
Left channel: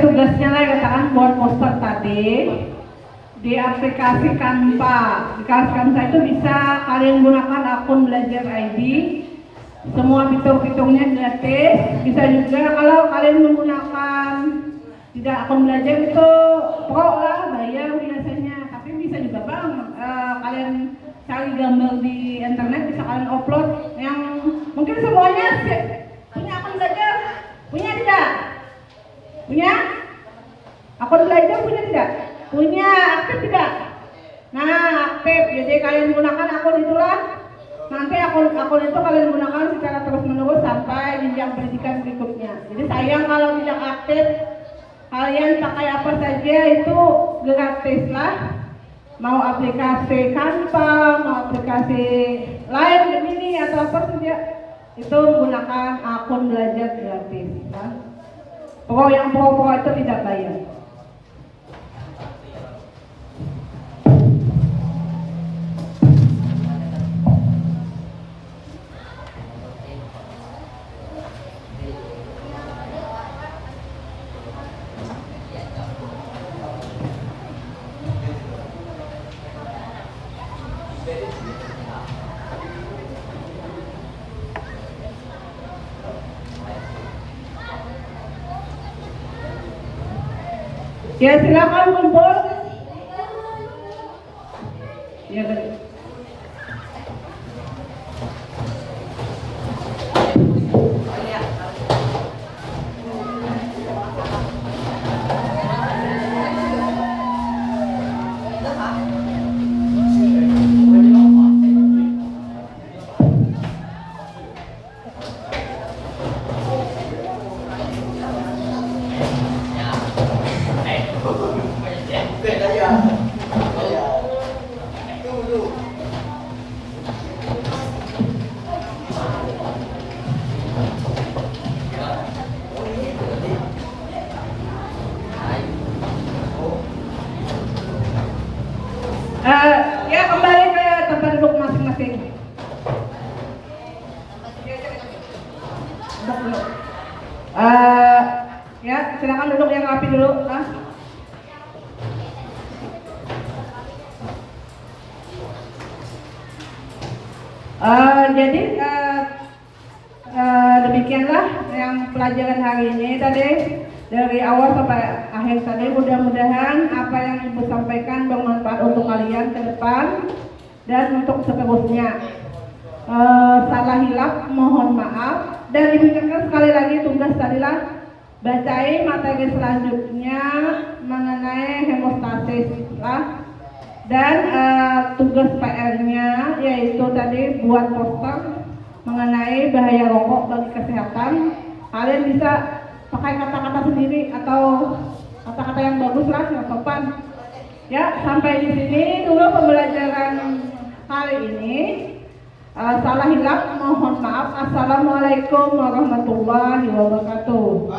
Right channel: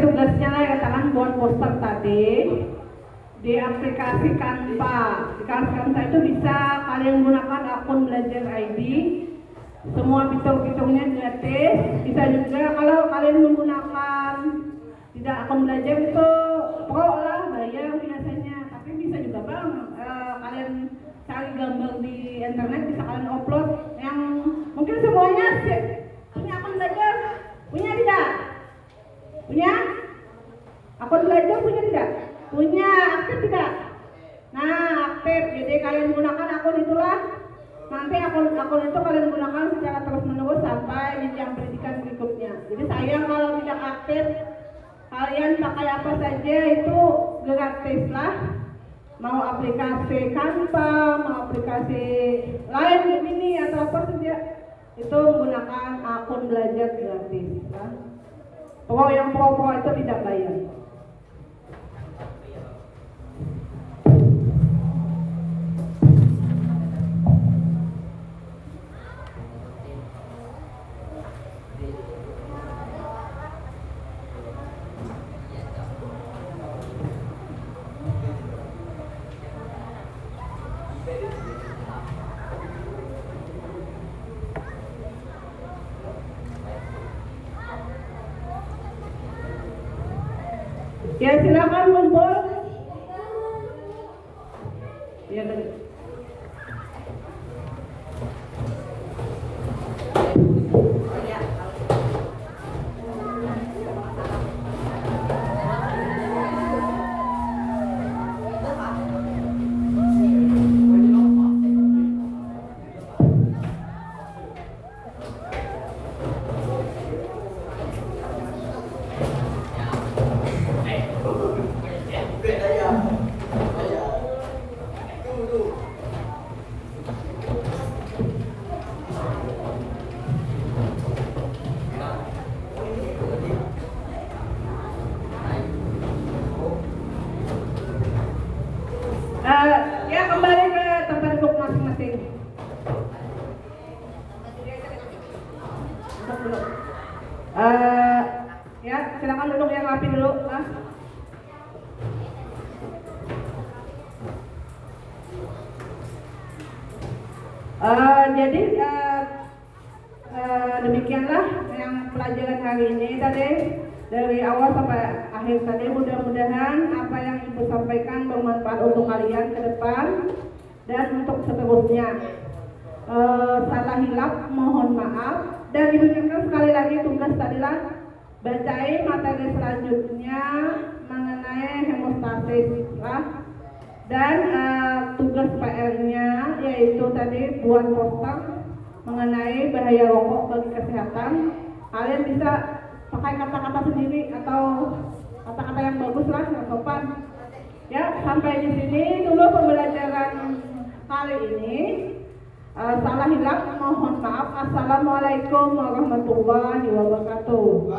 Tugasnya lah letakkan buat poster tadi di aplikasi Canva. Di aplikasi Canva itu bisa kalian gunakan akun belajar ID. Semua fitur-fiturnya gratis. Bisa juga kalau kalian menggunakan tidak akun belajar itu pro lah, bayar biasanya. Tapi bisa juga bang, kalian cari gambar di internet, bisa kalian upload. Yang mungkin semuanya punya akun belajar, punya tidak? Punya? Akun belajar punya tidak? Punya, aktif tidak? Nah, aktif. Jadi kalian gunakan akun itulah. Nanti akun itu kalian gunakan secara terus menerus sampai jenjang pendidikan berikutnya. Jadi sayang kalau tidak aktif. Kalian pakai apa saja itu gratis lah. Mau aplikasi Canva, mau aplikasi lain begini atau apa saja, itu menggunakan akun belajar gratis. Nah, yang pro itu tidak bayar. Ya silakan kumpul. Ya betul. Ya kembali ke tempat duduk masing-masing. Ya silakan duduk yang rapi dulu, Mas. Jadi demikianlah yang pelajaran hari ini tadi, dari awal sampai akhir tadi. Mudah-mudahan apa yang Ibu sampaikan bermanfaat untuk kalian ke depan dan untuk seterusnya. Salah hilaf mohon maaf, dan Ibu ingatkan sekali lagi tugas tadilah bacain materi selanjutnya mengenai hemostasis lah. Dan tugas PR-nya yaitu tadi buat poster mengenai bahaya rokok bagi kesehatan. Kalian bisa pakai kata-kata sendiri atau kata-kata yang bagus lah, yang sopan. Ya, sampai di sini dulu pembelajaran kali ini. Salah hilaf mohon maaf. Assalamualaikum warahmatullahi wabarakatuh.